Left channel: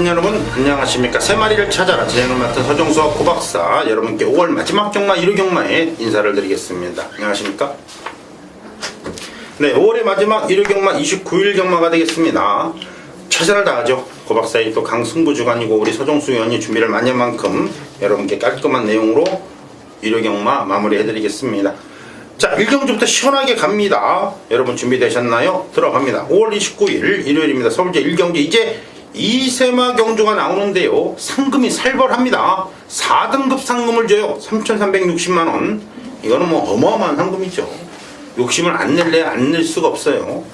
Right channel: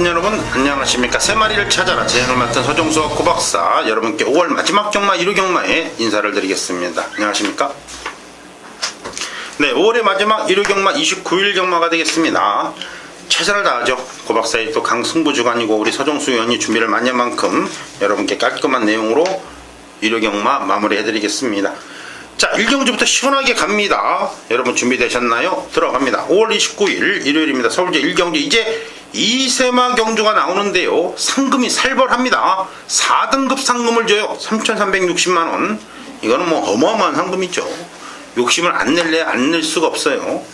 큰 여러분 안녕하십니까. 세 마리를 찾아라 진행을 맡은 서정수와 고박사 여러분께 5월 마지막 경마 1호 경마에 인사를 드리겠습니다. 안녕하십니까. 네, 5월의 마지막 1호 경마 29일 경마가 되겠습니다. 최선을 다하죠. 고박사의 또 강승부 주간이고 우리 서정수 위원이 준비를 많이 한 만큼 여러분께 깔끔한 내용으로 1호 경마 마무리해드리겠습니다. 자, 1경주부터 시원하게 갑니다. 여러분 준비되셨나요? 들어갑니다. 5월 29일 일요일입니다. 서울제 1경주 이제 2세마 경주가 나오는데요. 상금이 살벌합니다. 4등급 상금을 줘요. 3,360만원. 이거는 뭐 어마어마한 상금이죠. 욕심을 안 낼래 안 낼 수가 없어요.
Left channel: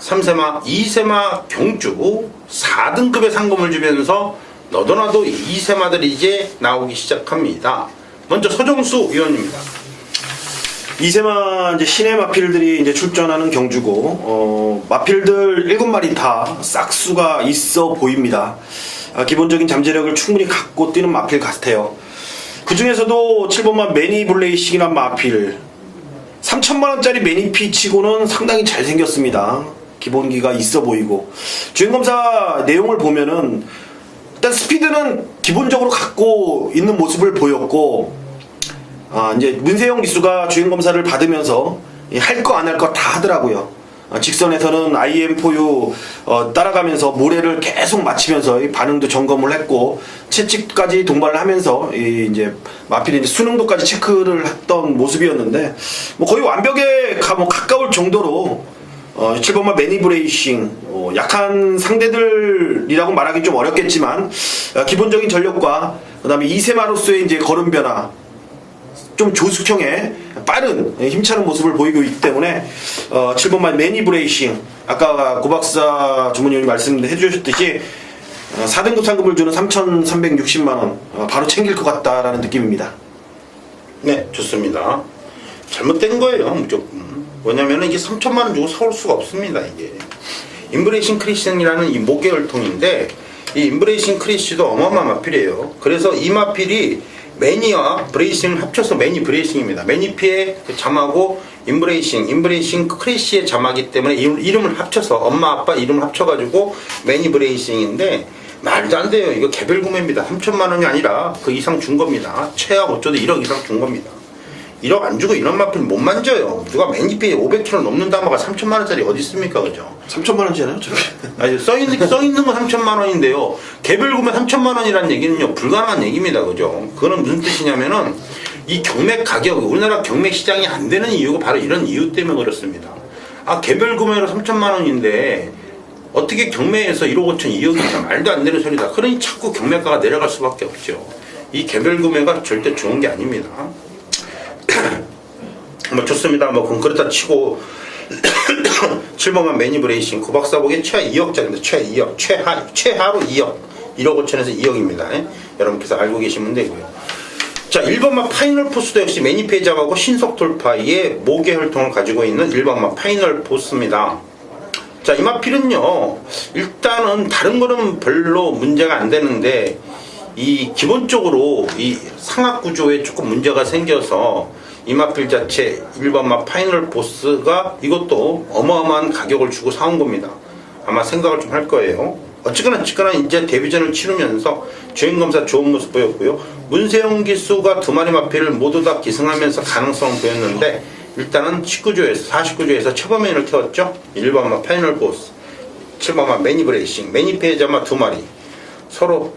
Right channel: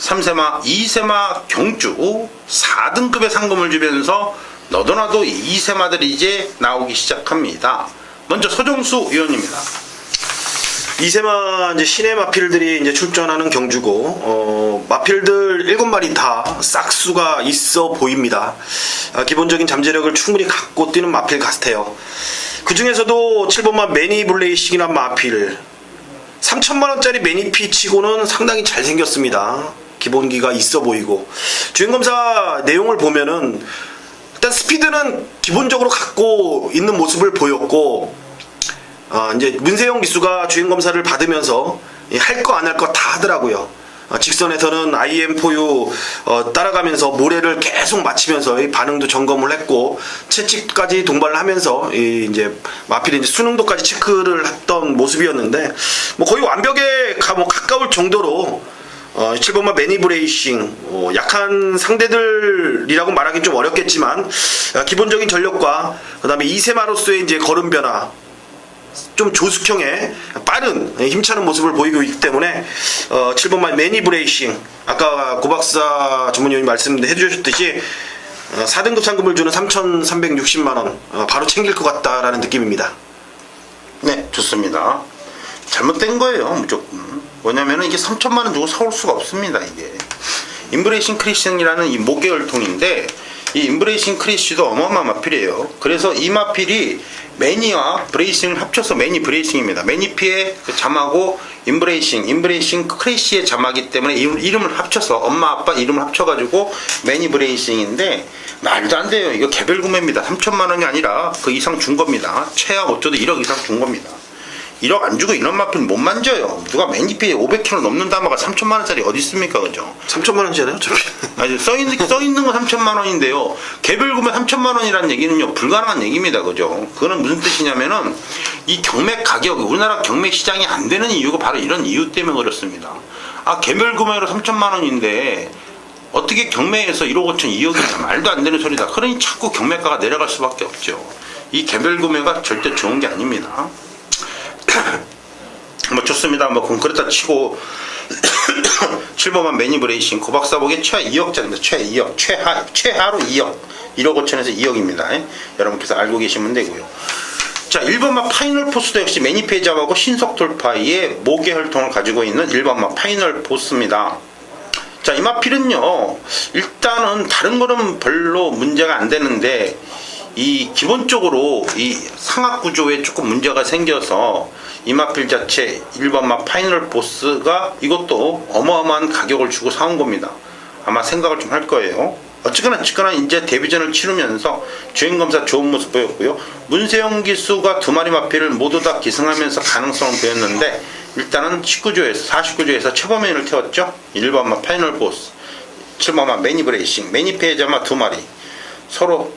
3세마 2세마 경주 4등급의 상금을 주면서 너도나도 2세마들이 이제 나오기 시작합니다. 먼저 서정수 위원입니다. 이세마 이제 신의 마필들이 이제 출전하는 경주고, 마필들 7마리 다 싹수가 있어 보입니다. 기본적인 잠재력을 충분히 갖고 뛰는 마필 같아요. 그 중에서도 7번마 매니블레이싱이란 마필 3천만원짜리 매니피 치고는 상당히 잘생겼습니다. 기본기가 있어 보이고, 주행검사 내용을 보면은 일단 스피드는 기본적으로 갖고 있는 모습을 보였고, 이제 문세영 기수가 주행검사를 받으면서 할 거 안 할 거 다 하더라고요. 직선에서는 IM4U 따라가면서 모래를 계속 맞추면서 이 반응도 점검을 했고, 채찍까지 동반을 하면서 이제 마필이 이제 수능도까지 체크를 했던 모습이었는데, 뭐 거의 완벽에 가까울 정도로 7번마 매니브레이싱 약한 상대들이라고 말하기 좀 어렵겠지만, 기본적인 전력과 그 다음에 2세마로서의 이제 걸음 변화, 좀 조숙형의 빠른 힘차는 모습을 보이고 있기 때문에 7번만 매니브레이싱, 아까 고박사 전문위원이 말씀해 주셨듯이 4등급 상금을 주는 3,360만원 바로 챙길 것 같다라는 느낌입니다. 네, 좋습니다. 잘못된 거예요, 무조건. 왜냐면은 이게 3천만원 주고 사올 수가 없습니다. 이게 인브레이싱 크리싱이라는 이 모계혈통인데, 이 인브레이싱 크리쉬도 어마어마한 마필이에요. 그래서 이 마필이 매니와 브레이싱을 합쳐서 매니 브레이싱입니다. 매니피의 그 자막하고 인브레이싱 크리쉬의 자막이기 때문에 이름을 합쳐서 엄마 아빠 이름을 합쳐가지고 매니 브레이싱인데, 말도 안 돼요. 이거 개별 구매입니다. 3천만원이 아니라 그 이상 준 겁니다. 최악 어쩌도 1억 이상 준 겁니다. 1억 안 주고 이런 마필 못 만져요. 누가 매니피에 500kg 넘는 다마가 3천만원짜리 어디 있습니까, 그죠? 3천만원이잖아요, 저게. 아니, 써있는 건 3천만원인데요. 개별 구매 3천만원이라는 얘기는요, 불가능한 얘기입니다, 그죠? 그거는 무슨 뜻이냐면은, 이 경매 가격이, 우리나라 경매 시장이 안 되는 이유가 바로 이런 이유 때문에 그렇습니다. 개별 구매로 3천만원인데, 어떻게 경매에서 1억 5천, 2억이 말도 안 되는 소리다. 그러니 자꾸 경매가가 내려갈 수밖에 없죠. 이 개별 구매가 절대 좋은 게 아닙니다. 뭐 좋습니다. 뭐 그럼 그렇다 치고 7번만 매니브레이싱 고박사 보기에 최하 2억짜리입니다. 최하 2억, 최하로 2억, 1억 5천에서 2억입니다. 여러분께서 알고 계시면 되고요. 자, 1번만 파이널 포스도 역시 매니피에 잡하고 신속 돌파의 모계 혈통을 가지고 있는 1번만 파이널 포스입니다. 자, 이 마필은요, 일단은 다른 거는 별로 문제가 안 되는데, 이 기본적으로 이 상악 구조에 조금 문제가 생겨서 이 마필 자체 1번마 파이널 보스가 이것도 어마어마한 가격을 주고 사온 겁니다. 아마 생각을 좀 할 거예요. 어쨌거나 이제 데뷔전을 치르면서 주행검사 좋은 모습 보였고요. 문세영 기수가 2마리 마필을 모두 다 기승하면서 가능성을 보였는데, 일단은 49조에서 최범맨을 태웠죠. 1번마 파이널 보스, 7번마 매니브레이싱, 매니페이저마 2마리 서로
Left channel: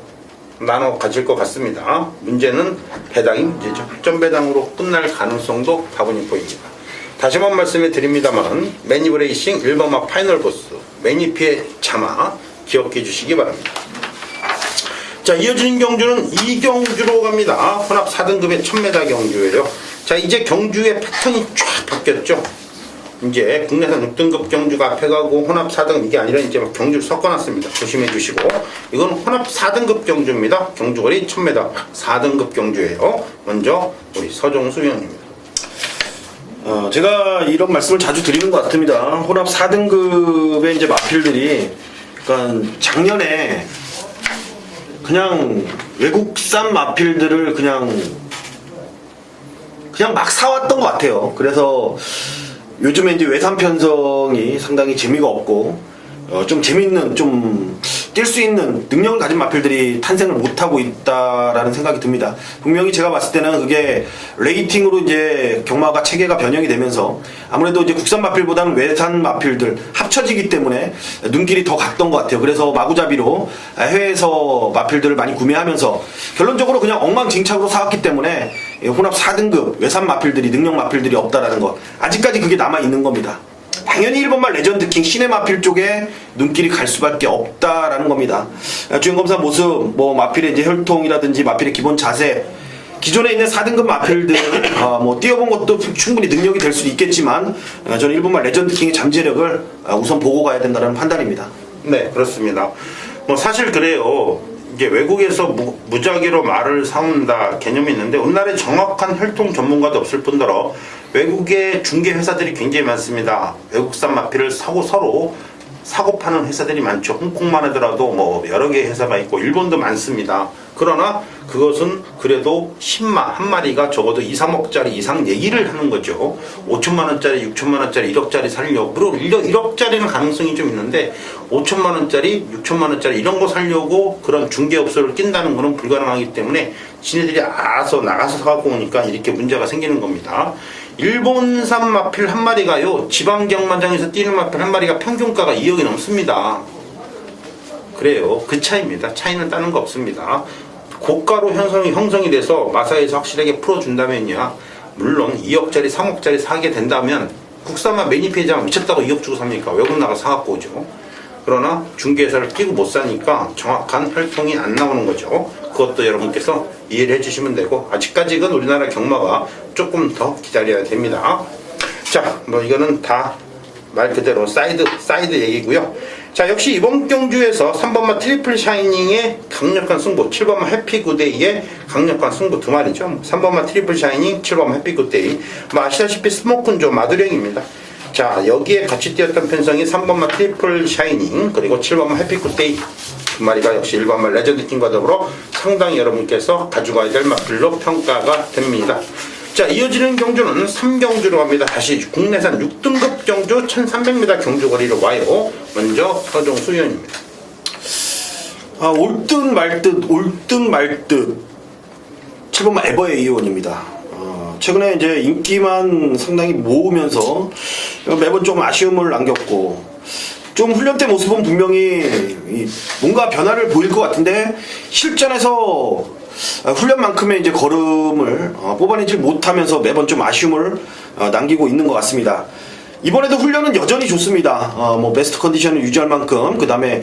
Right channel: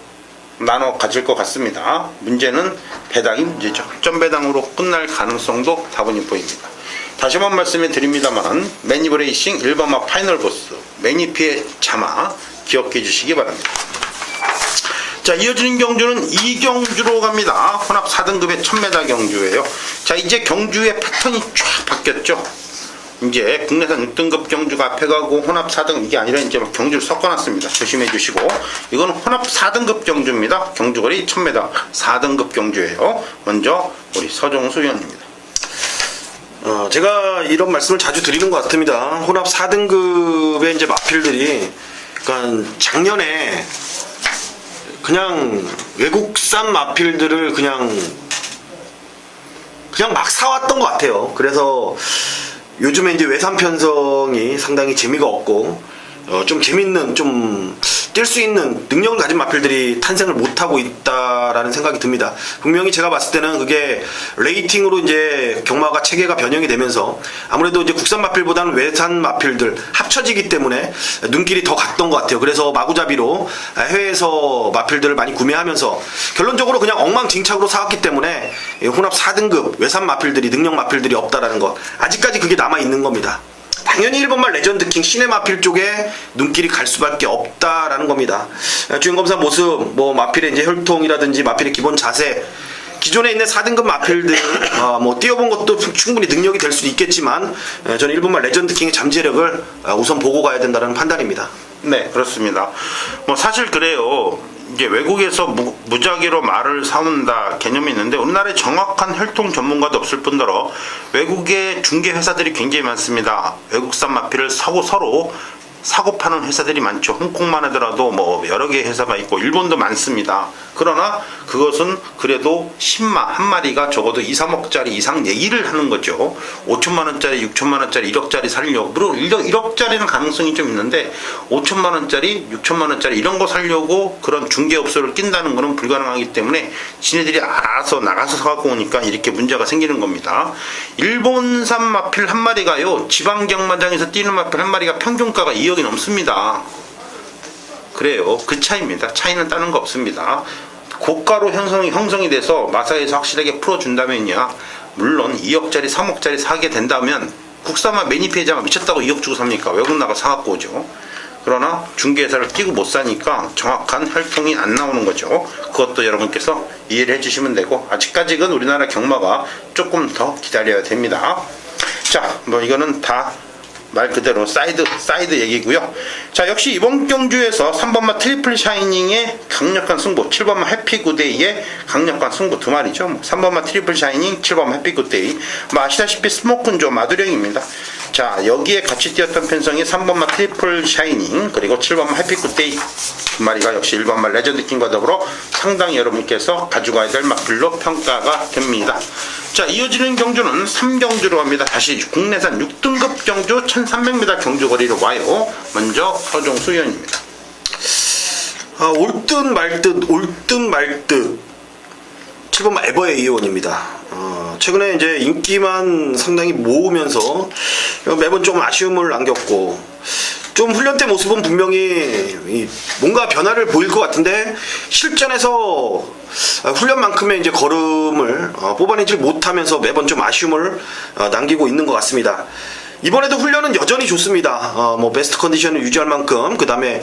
나눠 가질 것 같습니다. 문제는 배당이 문제죠. 점배당으로 끝날 가능성도 다분히 보입니다. 다시 한번 말씀해 드립니다만, 매니브레이싱 1번마 파이널 보스, 매니피의 자마 기억해 주시기 바랍니다. 자, 이어지는 경주는 2경주로 갑니다. 혼합 4등급의 1000m 경주예요. 자, 이제 경주의 패턴이 쫙 바뀌었죠. 이제 국내산 6등급 경주가 앞에 가고 혼합 4등, 이게 아니라 이제 경주를 섞어놨습니다. 조심해 주시고, 이건 혼합 4등급 경주입니다. 경주거리 1000m 4등급 경주예요. 먼저 우리 서정수 위원입니다. 제가 이런 말씀을 자주 드리는 것 같습니다. 혼합 4등급의 이제 마필들이, 그러니까 작년에 그냥 외국산 마필들을 그냥 막 사왔던 것 같아요. 그래서 요즘에 이제 외산 편성이 상당히 재미가 없고, 좀 재밌는, 좀 뛸 수 있는 능력을 가진 마필들이 탄생을 못하고 있다라는 생각이 듭니다. 분명히 제가 봤을 때는 그게 레이팅으로 이제 경마가 체계가 변형이 되면서 아무래도 이제 국산 마필보다는 외산 마필들 합쳐지기 때문에 눈길이 더 갔던 것 같아요. 그래서 마구잡이로 해외에서 마필들을 많이 구매하면서 결론적으로 그냥 엉망진창으로 사왔기 때문에 혼합 4등급 외산 마필들이 능력 마필들이 없다라는 것, 아직까지 그게 남아 있는 겁니다. 당연히 1번말 레전드킹 신의 마필 쪽에 눈길이 갈 수밖에 없다라는 겁니다. 주행검사 모습, 뭐 마필의 이제 혈통이라든지 마필의 기본 자세, 기존에 있는 4등급 마필들 뭐 뛰어본 것도 충분히 능력이 될 수도 있겠지만 저는 1번말 레전드킹의 잠재력을 우선 보고 가야 된다는 판단입니다. 네, 그렇습니다. 뭐 사실 그래요. 이제 외국에서 무작위로 말을 사온다 개념이 있는데 우리나라에 정확한 혈통 전문가도 없을 뿐더러 외국의 중개 회사들이 굉장히 많습니다. 외국산 마필을 서로 사고 파는 회사들이 많죠. 홍콩만 하더라도 뭐 여러 개의 회사가 있고 일본도 많습니다. 그러나 그것은 그래도 10마 한 마리가 적어도 2, 3억짜리 이상 얘기를 하는 거죠. 5천만 원짜리, 6천만 원짜리, 1억짜리 살려고. 그리고 1억짜리는 가능성이 좀 있는데 5천만 원짜리, 6천만 원짜리 이런 거 살려고 그런 중개업소를 낀다는 거는 불가능하기 때문에 지네들이 알아서 나가서 사갖고 오니까 이렇게 문제가 생기는 겁니다. 일본산 마필 한 마리가요, 지방경마장에서 뛰는 마필 한 마리가 평균가가 2억이 넘습니다. 그래요. 그 차이입니다. 차이는 다른 거 없습니다. 고가로 형성이 돼서 마사에서 확실하게 풀어준다면야, 물론 2억짜리 3억짜리 사게 된다면 국산만 매니페이저만 미쳤다고 2억 주고 삽니까? 외국 나가 사갖고 오죠. 그러나 중개회사를 끼고 못 사니까 정확한 혈통이 안 나오는 거죠. 그것도 여러분께서 이해를 해주시면 되고, 아직까지는 우리나라 경마가 조금 더 기다려야 됩니다. 자, 뭐 이거는 다 말 그대로 사이드 얘기고요. 자, 역시 이번 경주에서 3번마 트리플 샤이닝의 강력한 승부, 7번마 해피굿데이의 강력한 승부 두 마리죠. 3번마 트리플 샤이닝, 7번마 해피굿데이. 뭐 아시다시피 스모큰조 마두령입니다. 자, 여기에 같이 뛰었던 편성이 3번마 트리플 샤이닝 그리고 7번마 해피굿데이 두 마리가 역시 1번마 레전드킹과 더불어 상당히 여러분께서 가져가야 될 마필로 평가가 됩니다. 자, 이어지는 경주는 3경주로 갑니다. 다시 국내산 6등급 경주 1300m 경주거리로 와요. 먼저 서종수 의원입니다. 올 듯 말 듯 7번마 에버의 의원입니다. 최근에 이제 인기만 상당히 모으면서 매번 좀 아쉬움을 안겼고, 좀 훈련 때 모습은 분명히 뭔가 변화를 보일 것 같은데 실전에서 훈련만큼의 이제 걸음을 뽑아내지 못하면서 매번 좀 아쉬움을 남기고 있는 것 같습니다. 이번에도 훈련은 여전히 좋습니다. 뭐 베스트 컨디션을 유지할 만큼, 그 다음에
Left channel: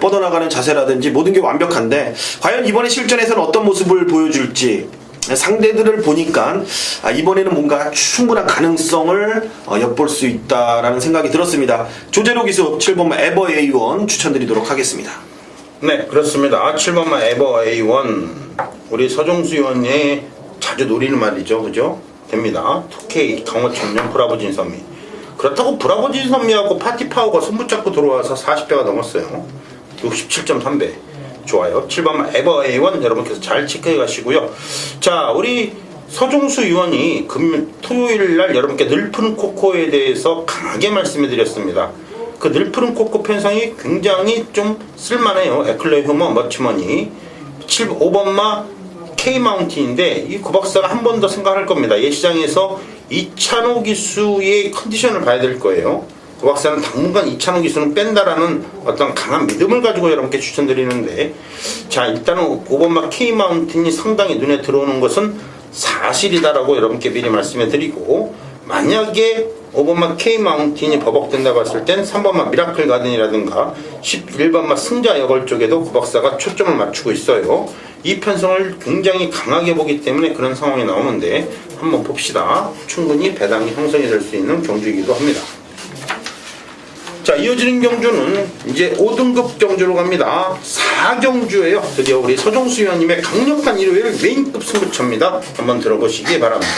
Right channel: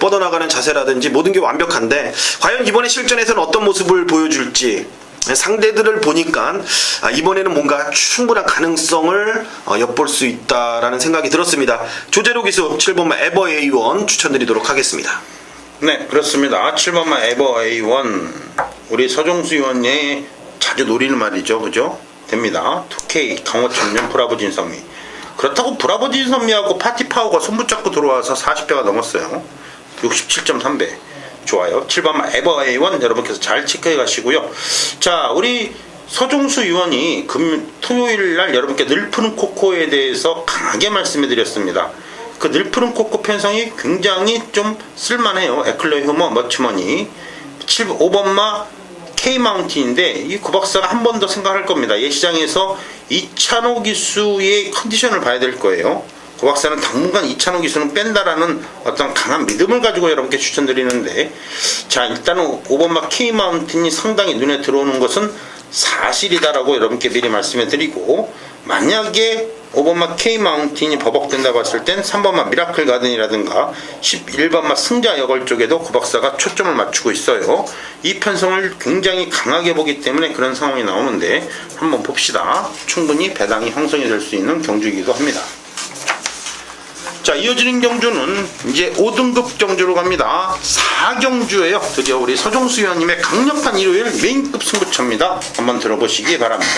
뻗어나가는 자세라든지 모든 게 완벽한데, 과연 이번에 실전에서는 어떤 모습을 보여줄지 상대들을 보니까 이번에는 뭔가 충분한 가능성을 엿볼 수 있다라는 생각이 들었습니다. 조재로 기수 7번마 에버 A1 추천드리도록 하겠습니다. 네, 그렇습니다. 7번마 에버 A1 우리 서종수 의원이 자주 노리는 말이죠. 그죠? 됩니다. 2K 강호천년 브라보진선미. 그렇다고 브라보진선미하고 파티파워가 손붙잡고 들어와서 40배가 넘었어요. 67.3배. 좋아요. 7번 에버 A1 여러분께서 잘 체크해 가시고요. 자, 우리 서종수 의원이 토요일 날 여러분께 늘푸른 코코에 대해서 강하게 말씀해 드렸습니다. 그 늘푸른 코코 편성이 굉장히 좀 쓸만해요. 에클러 휴머 머치머니 5번마 K-마운틴인데 이 구박사가 한 번 더 생각할 겁니다. 예시장에서 이찬호 기수의 컨디션을 봐야 될 거예요. 구박사는 당분간 이찬호 기수는 뺀다라는 어떤 강한 믿음을 가지고 여러분께 추천드리는데, 자, 일단은 5번마 K-마운틴이 상당히 눈에 들어오는 것은 사실이다라고 여러분께 미리 말씀해 드리고, 만약에 5번마 K-마운틴이 버벅된다 봤을 땐 3번마 미라클 가든이라든가 11번마 승자 여걸 쪽에도 구박사가 초점을 맞추고 있어요. 이 편성을 굉장히 강하게 보기 때문에 그런 상황이 나오는데 한번 봅시다. 충분히 배당이 형성이 될 수 있는 경주이기도 합니다. 자, 이어지는 경주는 이제 5등급 경주로 갑니다. 4경주예요. 드디어 우리 서종수 의원님의 강력한 일요일 메인급 승부처입니다. 한번 들어보시기 바랍니다.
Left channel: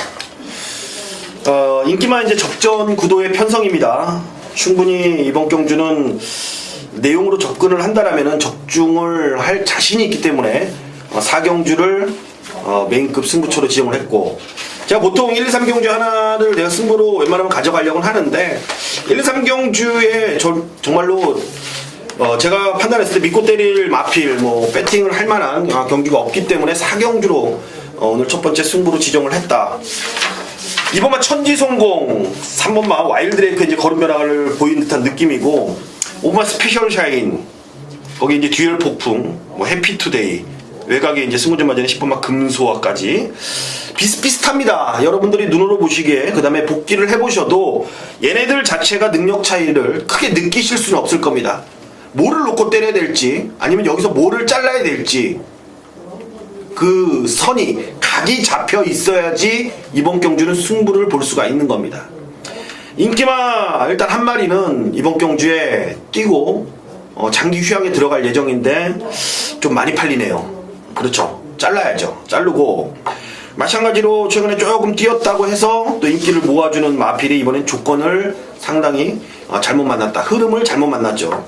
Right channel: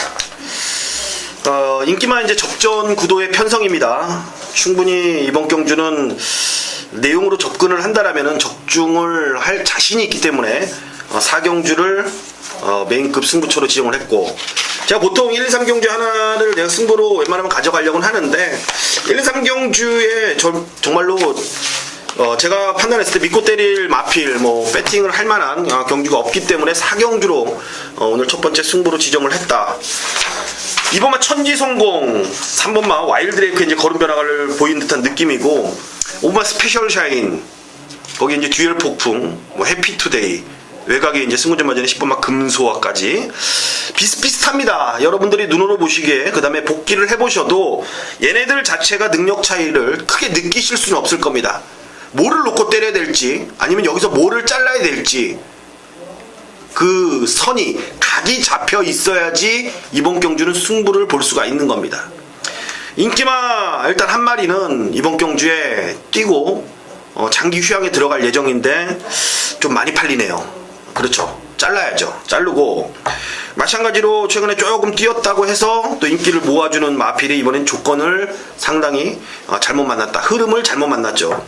인기만 이제 접전 구도의 편성입니다. 충분히 이번 경주는 내용으로 접근을 한다라면은 적중을 할 자신이 있기 때문에 4경주를 메인급 승부처로 지정을 했고, 제가 보통 1, 2, 3경주 하나를 내가 승부로 웬만하면 가져가려고 하는데 1, 2, 3경주에 정말로 제가 판단했을 때 믿고 때릴 마필, 뭐 배팅을 할 만한 경주가 없기 때문에 4경주로 오늘 첫 번째 승부로 지정을 했다. 2번마 천지성공, 3번마 와일드레이크 이제 걸음 변화를 보이는 듯한 느낌이고, 5번마 스페셜 샤인, 거기 이제 듀얼 폭풍, 뭐 해피투데이, 외곽에 이제 승부전 맞이는 10번마 금소화까지 비슷비슷합니다. 여러분들이 눈으로 보시기에 그 다음에 복귀를 해보셔도 얘네들 자체가 능력 차이를 크게 느끼실 수는 없을 겁니다. 뭐를 놓고 때려야 될지 아니면 여기서 뭐를 잘라야 될지 그 선이 각이 잡혀 있어야지 이번 경주는 승부를 볼 수가 있는 겁니다. 인기마 일단 한 마리는 이번 경주에 뛰고 장기 휴양에 들어갈 예정인데 좀 많이 팔리네요. 그렇죠. 잘라야죠. 자르고 마찬가지로 최근에 조금 뛰었다고 해서 또 인기를 모아주는 마필이 이번엔 조건을 상당히 잘못 만났다. 흐름을 잘못 만났죠.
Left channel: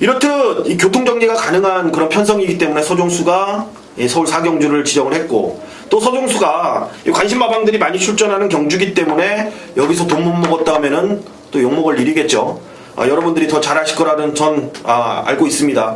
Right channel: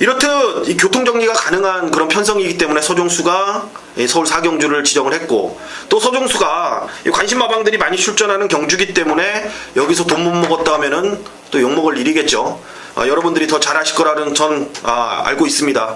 이렇듯 이 교통정리가 가능한 그런 편성이기 때문에 서종수가 서울 4경주를 지정을 했고, 또 서종수가 관심마방들이 많이 출전하는 경주기 때문에 여기서 돈 못 먹었다 하면은 또 욕먹을 일이겠죠. 여러분들이 더 잘하실 거라는 전 알고 있습니다.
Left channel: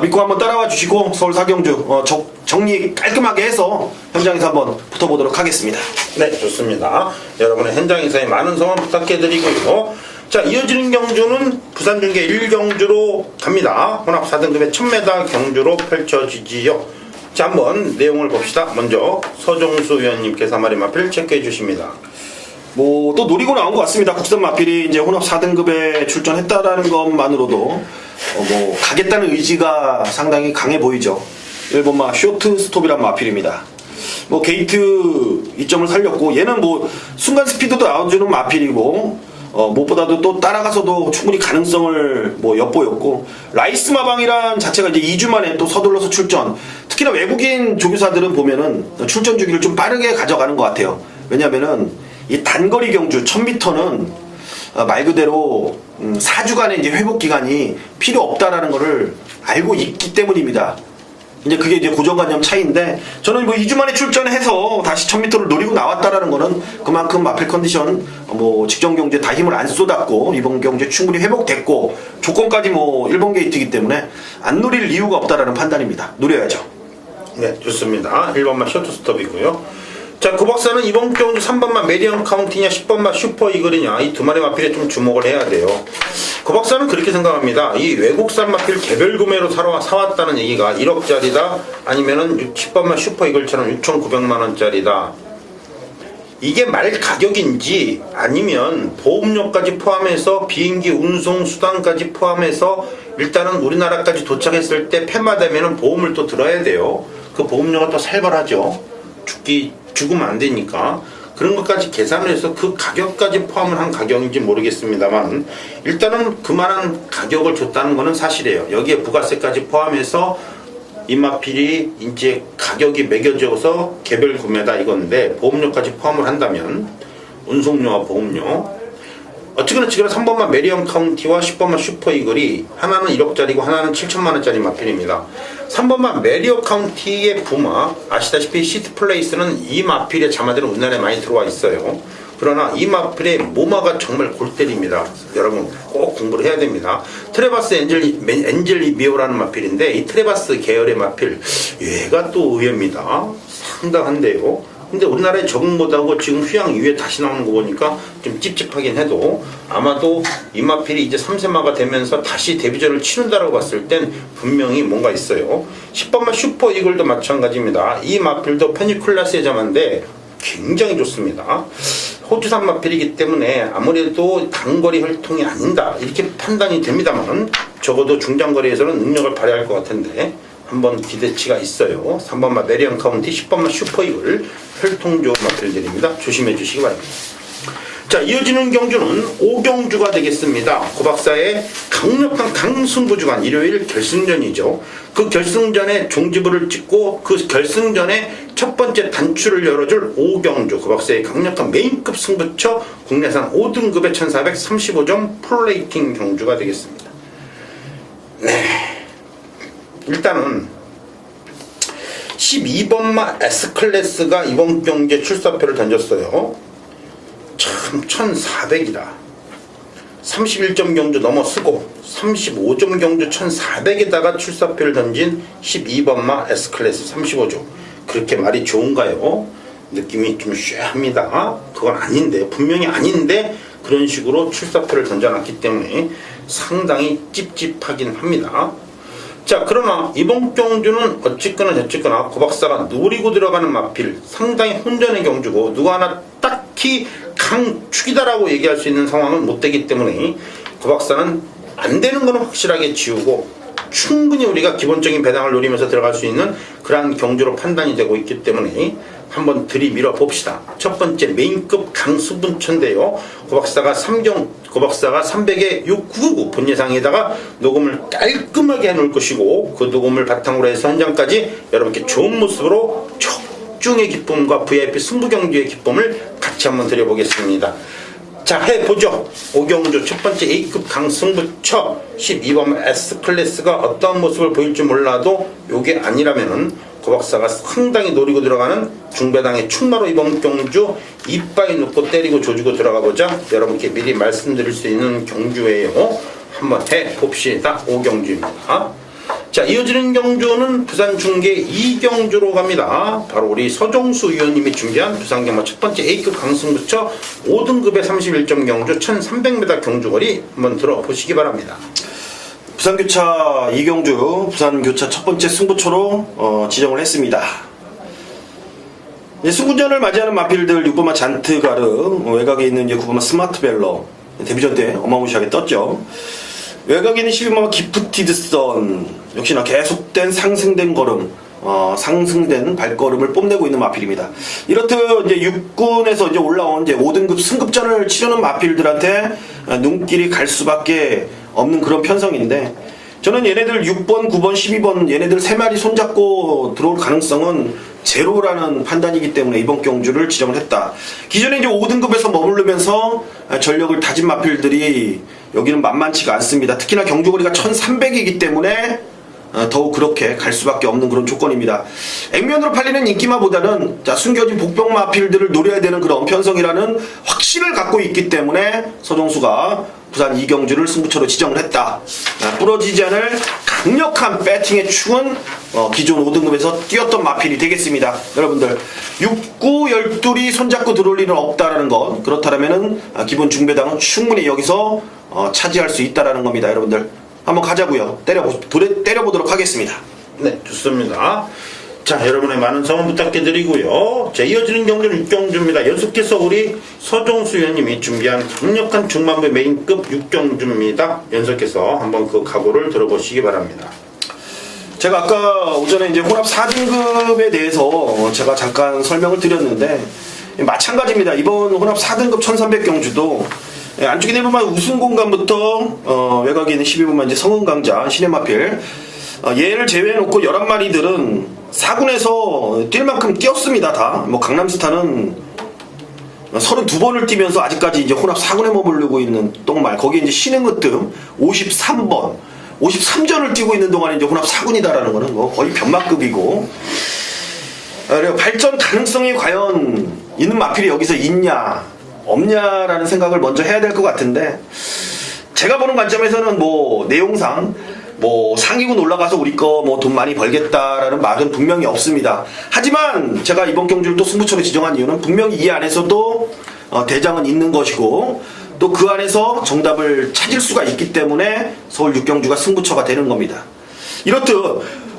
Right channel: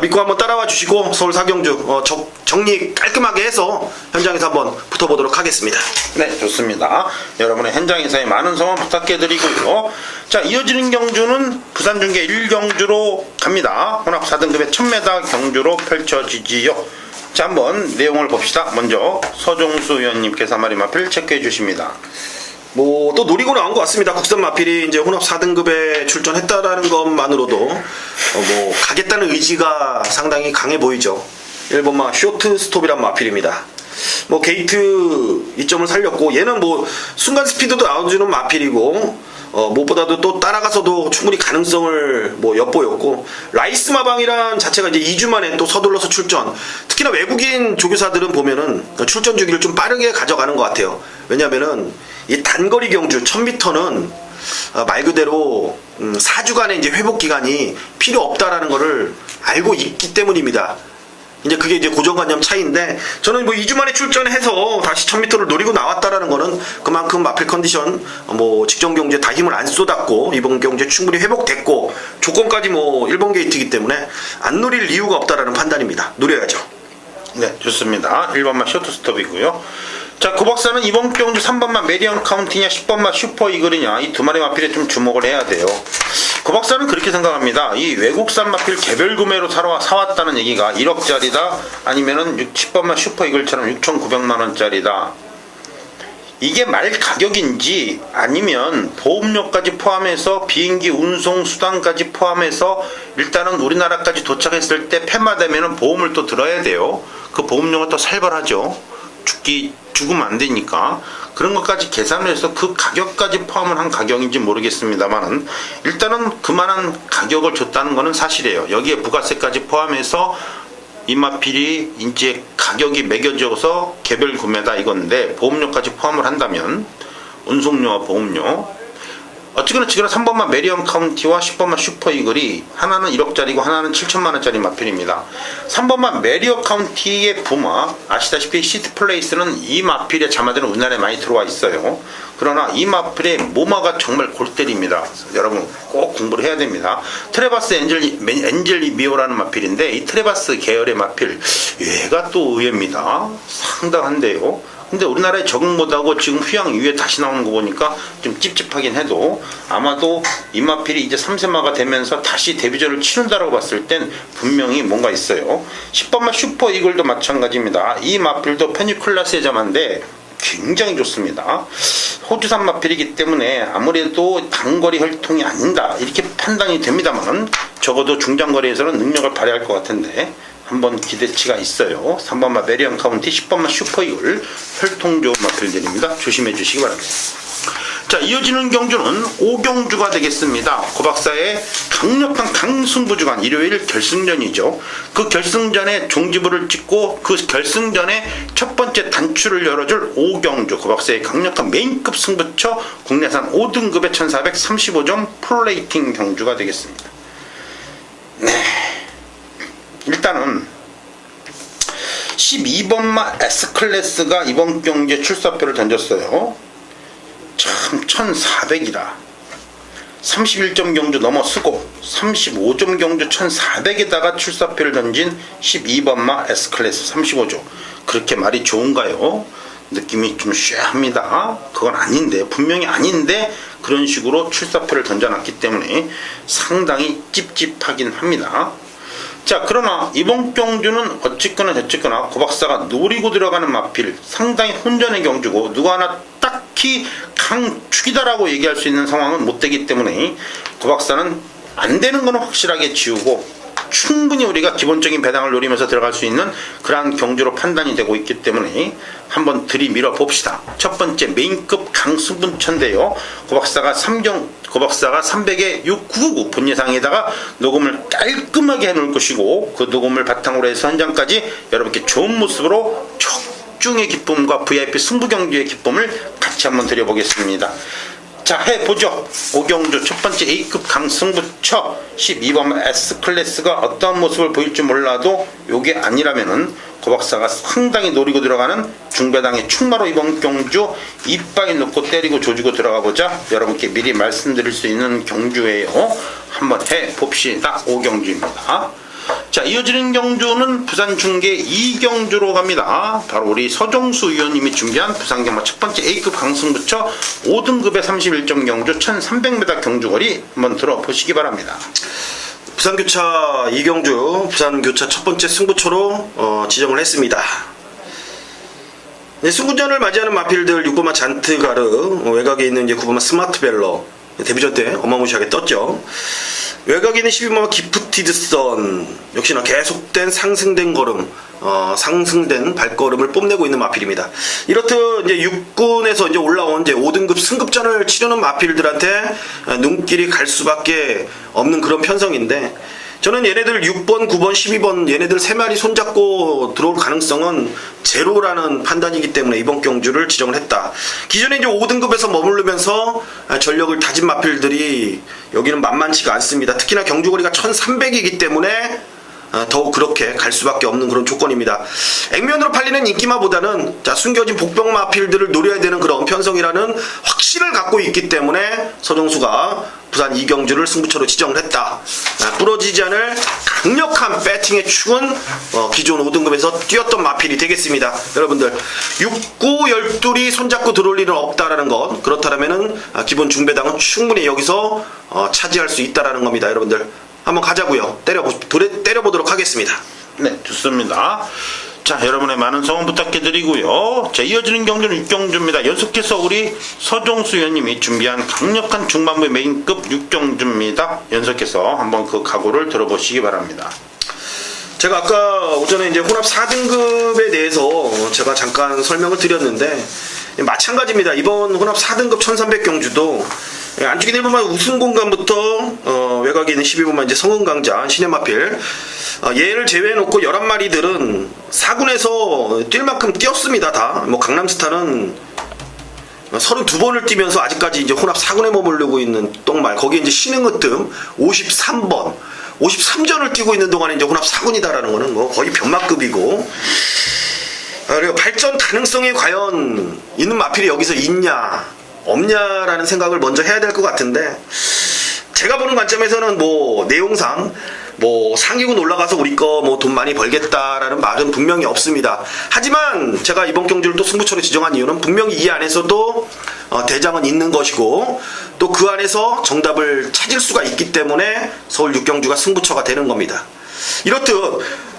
믿고 한번 따라와 주시고 서울 4경주 정리 깔끔하게 해서 현장에서 한번 붙어보도록 하겠습니다. 네, 좋습니다. 여러분의 현장에서의 많은 성원 부탁해드리고요. 자, 이어지는 경주는 부산중계 1경주로 갑니다. 혼합 4등급의 1000m 경주로 펼쳐지지요. 자, 한번 내용을 봅시다. 먼저 서종수 위원님께서 한 마리 마필 체크해 주십니다. 뭐 또 노리고 나온 것 같습니다. 국산 마필이 이제 혼합 4등급에 출전했다라는 것만으로도 뭐 가겠다는 의지가 상당히 강해 보이죠. 1번마 쇼트 스톱이란 마필입니다. 뭐 게이트 이점을 살렸고, 얘는 뭐 순간 스피드도 나와주는 마필이고, 무엇보다도 또 따라가서도 충분히 가능성을 뭐 엿보였고, 라이스 마방이란 자체가 이제 2주 만에 또 서둘러서 출전, 특히나 외국인 조교사들은 보면은 출전 주기를 좀 빠르게 가져가는 것 같아요. 왜냐면은 이 단거리 경주 1000m는 말 그대로 4주간의 이제 회복 기간이 필요 없다라는 것을 알고 있기 때문입니다. 이제 그게 이제 고정관념 차이인데, 저는 뭐 2주 만에 출전해서 다시 1000m를 노리고 나왔다라는 거는 그만큼 마필 컨디션 뭐 직전 경주에 다 힘을 안 쏟았고 이번 경주에 충분히 회복됐고 조건까지 뭐 1번 게이트이기 때문에 안 노릴 이유가 없다라는 판단입니다. 노려야죠. 네, 좋습니다. 1번만 쇼트 스톱이고요. 자, 고 박사는 이번 경주 3번만 메디언 카운티냐 10번만 슈퍼 이글이냐 이 두 마리 마필에 좀 주목을 해야 돼요. 고 박사는 그렇게 생각합니다. 이 외국산 마필 개별 구매로 사왔다는 얘기가 1억짜리다 아니면은 10번만 슈퍼 이글처럼 6,900만원짜리다. 이게 말 가격인지 아니면 보험료까지 포함해서 비행기 운송 수단까지 포함해서 일단은 우리나라까지 도착했을 때 폐마되면은 보험을 또 들어야 돼요. 그 보험료가 또 살벌하죠. 죽으면 안 되니까 그런 것까지 계산을 해서 그 가격까지 포함을 한 가격인지 모르겠습니다만, 일단은 그만한 가격을 줬다는 것은 사실이에요. 여기에 부가세까지 포함해서 이 마필이 이제 가격이 매겨져서 개별 구매다 이건데, 보험료까지 포함을 한다면 운송료와 보험료, 어쨌거나 지금 3번만 메리언 카운티와 10번만 슈퍼 이글이 하나는 1억짜리고 하나는 7천만원짜리 마필입니다. 3번만 메리언 카운티의 부마, 아시다시피 시트 플레이스는 이 마필의 자마들은 우리나라에 많이 들어와 있어요. 그러나 이 마필의 모마가 정말 골 때립니다. 여러분 꼭 공부를 해야 됩니다. 트레바스 엔젤 미오라는 마필인데, 이 트레바스 계열의 마필 얘가 또 의외입니다. 상당한데요. 근데 우리나라에 적응 못하고 지금 휴양 이후에 다시 나오는 거 보니까 좀 찝찝하긴 해도, 아마도 이 마필이 이제 3세마가 되면서 다시 데뷔전을 치른다라고 봤을 땐 분명히 뭔가 있어요. 10번만 슈퍼 이글도 마찬가지입니다. 이 마필도 페니쿨라스의 자마인데 굉장히 좋습니다. 호주산 마필이기 때문에 아무래도 단거리 혈통이 아닌다 이렇게 판단이 됩니다만, 적어도 중장거리에서는 능력을 발휘할 것 같은데 한번 기대치가 있어요. 3번만 메리언 카운티, 10번만 슈퍼 이글 혈통 좋은 마필들입니다. 조심해 주시기 바랍니다. 자, 이어지는 경주는 5경주가 되겠습니다. 고 박사의 강력한 강승부주간 일요일 결승전이죠. 그 결승전에 종지부를 찍고 그 결승전에 첫 번째 단추를 열어줄 5경주, 고 박사의 강력한 메인급 승부처 국내산 5등급의 1435점 프로레이팅 경주가 되겠습니다. 네, 일단은 12번마 S클래스가 이번 경기에 출사표를 던졌어요. 참 1400이다. 31점 경주 넘어서고 35점 경주 1400에다가 출사표를 던진 12번마 S클래스 35조. 그렇게 말이 좋은가요? 느낌이 좀 쉐합니다. 그건 아닌데, 분명히 아닌데 그런 식으로 출사표를 던져놨기 때문에 상당히 찝찝하긴 합니다. 자, 그러나 이번 경주는 어쨌거나 저쨌거나 고박사가 노리고 들어가는 마필, 상당히 혼전의 경주고 누가 하나 딱히 강축이다라고 얘기할 수 있는 상황은 못 되기 때문에 고박사는 안 되는 거는 확실하게 지우고 충분히 우리가 기본적인 배당을 노리면서 들어갈 수 있는 그러한 경주로 판단이 되고 있기 때문에 한번 들이밀어 봅시다. 첫 번째 메인급 강수분천인데요. 고박사가 300에 699 본예상에다가 녹음을 깔끔하게 해놓을 것이고, 그 녹음을 바탕으로 해서 현장까지 여러분께 좋은 모습으로 촉중의 기쁨과 VIP 승부경주의 기쁨을 같이 한번 드려보겠습니다. 자, 해보죠. 오경주 첫 번째 A급 강승부처 12번 S클래스가 어떠한 모습을 보일지 몰라도 요게 아니라면은 고박사가 상당히 노리고 들어가는 중배당의 충마로 이번 경주 이빠이 놓고 때리고 조지고 들어가보자 여러분께 미리 말씀드릴 수 있는 경주예요. 한번 해봅시다. 오경주입니다. 자, 이어지는 경주는 부산 중계 2경주로 갑니다. 바로 우리 서종수 위원님이 준비한 부산 경마 첫 번째 A급 강승부처 5등급의 31점 경주 1300m 경주거리 한번 들어보시기 바랍니다. 부산교차 2경주 부산교차 첫 번째 승부처로 지정을 했습니다. 승구전을 맞이하는 마필들 6번마 잔트가르, 외곽에 있는 이제 9번마 스마트벨러 데뷔전 때 어마무시하게 떴죠. 외곽에 있는 12번마 기프티드선 역시나 계속된 상승된 걸음, 상승된 발걸음을 뽐내고 있는 마필입니다. 이렇듯 이제 6군에서 이제 올라온 이제 5등급 승급전을 치르는 마필들한테 눈길이 갈 수밖에 없는 그런 편성인데, 저는 얘네들 6번, 9번, 12번 얘네들 3마리 손잡고 들어올 가능성은 제로라는 판단이기 때문에 이번 경주를 지정을 했다. 기존에 이제 5등급에서 머무르면서 전력을 다진 마필들이 여기는 만만치가 않습니다. 특히나 경주거리가 1300이기 때문에 더욱 그렇게 갈 수밖에 없는 그런 조건입니다. 액면으로 팔리는 인기마보다는 숨겨진 복병 마필들을 노려야 되는 그런 편성이라는 확신을 갖고 있기 때문에 서종수가 부산 2경주를 승부처로 지정을 했다. 부러지지 않을 강력한 배팅의 축은 기존 5등급에서 뛰었던 마필이 되겠습니다. 여러분들 6, 9, 12이 손잡고 들어올 일은 없다라는 것, 그렇다면은 기본 중배당은 충분히 여기서 차지할 수 있다라는 겁니다. 여러분들 한번 가자고요. 때려보도록 하겠습니다. 네, 좋습니다. 자, 여러분의 많은 성원 부탁드리고요. 자, 이어지는 경주는 6경주입니다. 연속해서 우리 서종수 위원님이 준비한 강력한 중반부 메인급 6경주입니다. 연속해서 한번 그 각오를 들어보시기 바랍니다. 제가 아까 오전에 이제 혼합 4등급에 대해서 제가 잠깐 설명을 드렸는데, 마찬가지입니다. 이번 혼합 4등급 1300 경주도 안쪽에 내보면 우승 공간부터 외곽에 있는 12번만 이제 성은강자 신해마필, 얘를 제외해놓고 11마리들은 4군에서 뛸 만큼 뛰었습니다. 다. 뭐 강남스타는 32번을 뛰면서 아직까지 이제 혼합 4군에 머무르고 있는 똥말, 거기에 이제 신흥으뜸 53번 53전을 뛰고 있는 동안에 이제 혼합 4군이다라는 거는 뭐 거의 변마급이고, 그리고 발전 가능성이 과연 있는 마필이 여기서 있냐 없냐라는 생각을 먼저 해야 될 것 같은데, 제가 보는 관점에서는 뭐 내용상 뭐 상위군 올라가서 우리 거 뭐 돈 많이 벌겠다라는 말은 분명히 없습니다. 하지만 제가 이번 경주를 또 승부처로 지정한 이유는 분명히 이 안에서도 대장은 있는 것이고, 또 그 안에서 정답을 찾을 수가 있기 때문에 서울 6경주가 승부처가 되는 겁니다. 이렇듯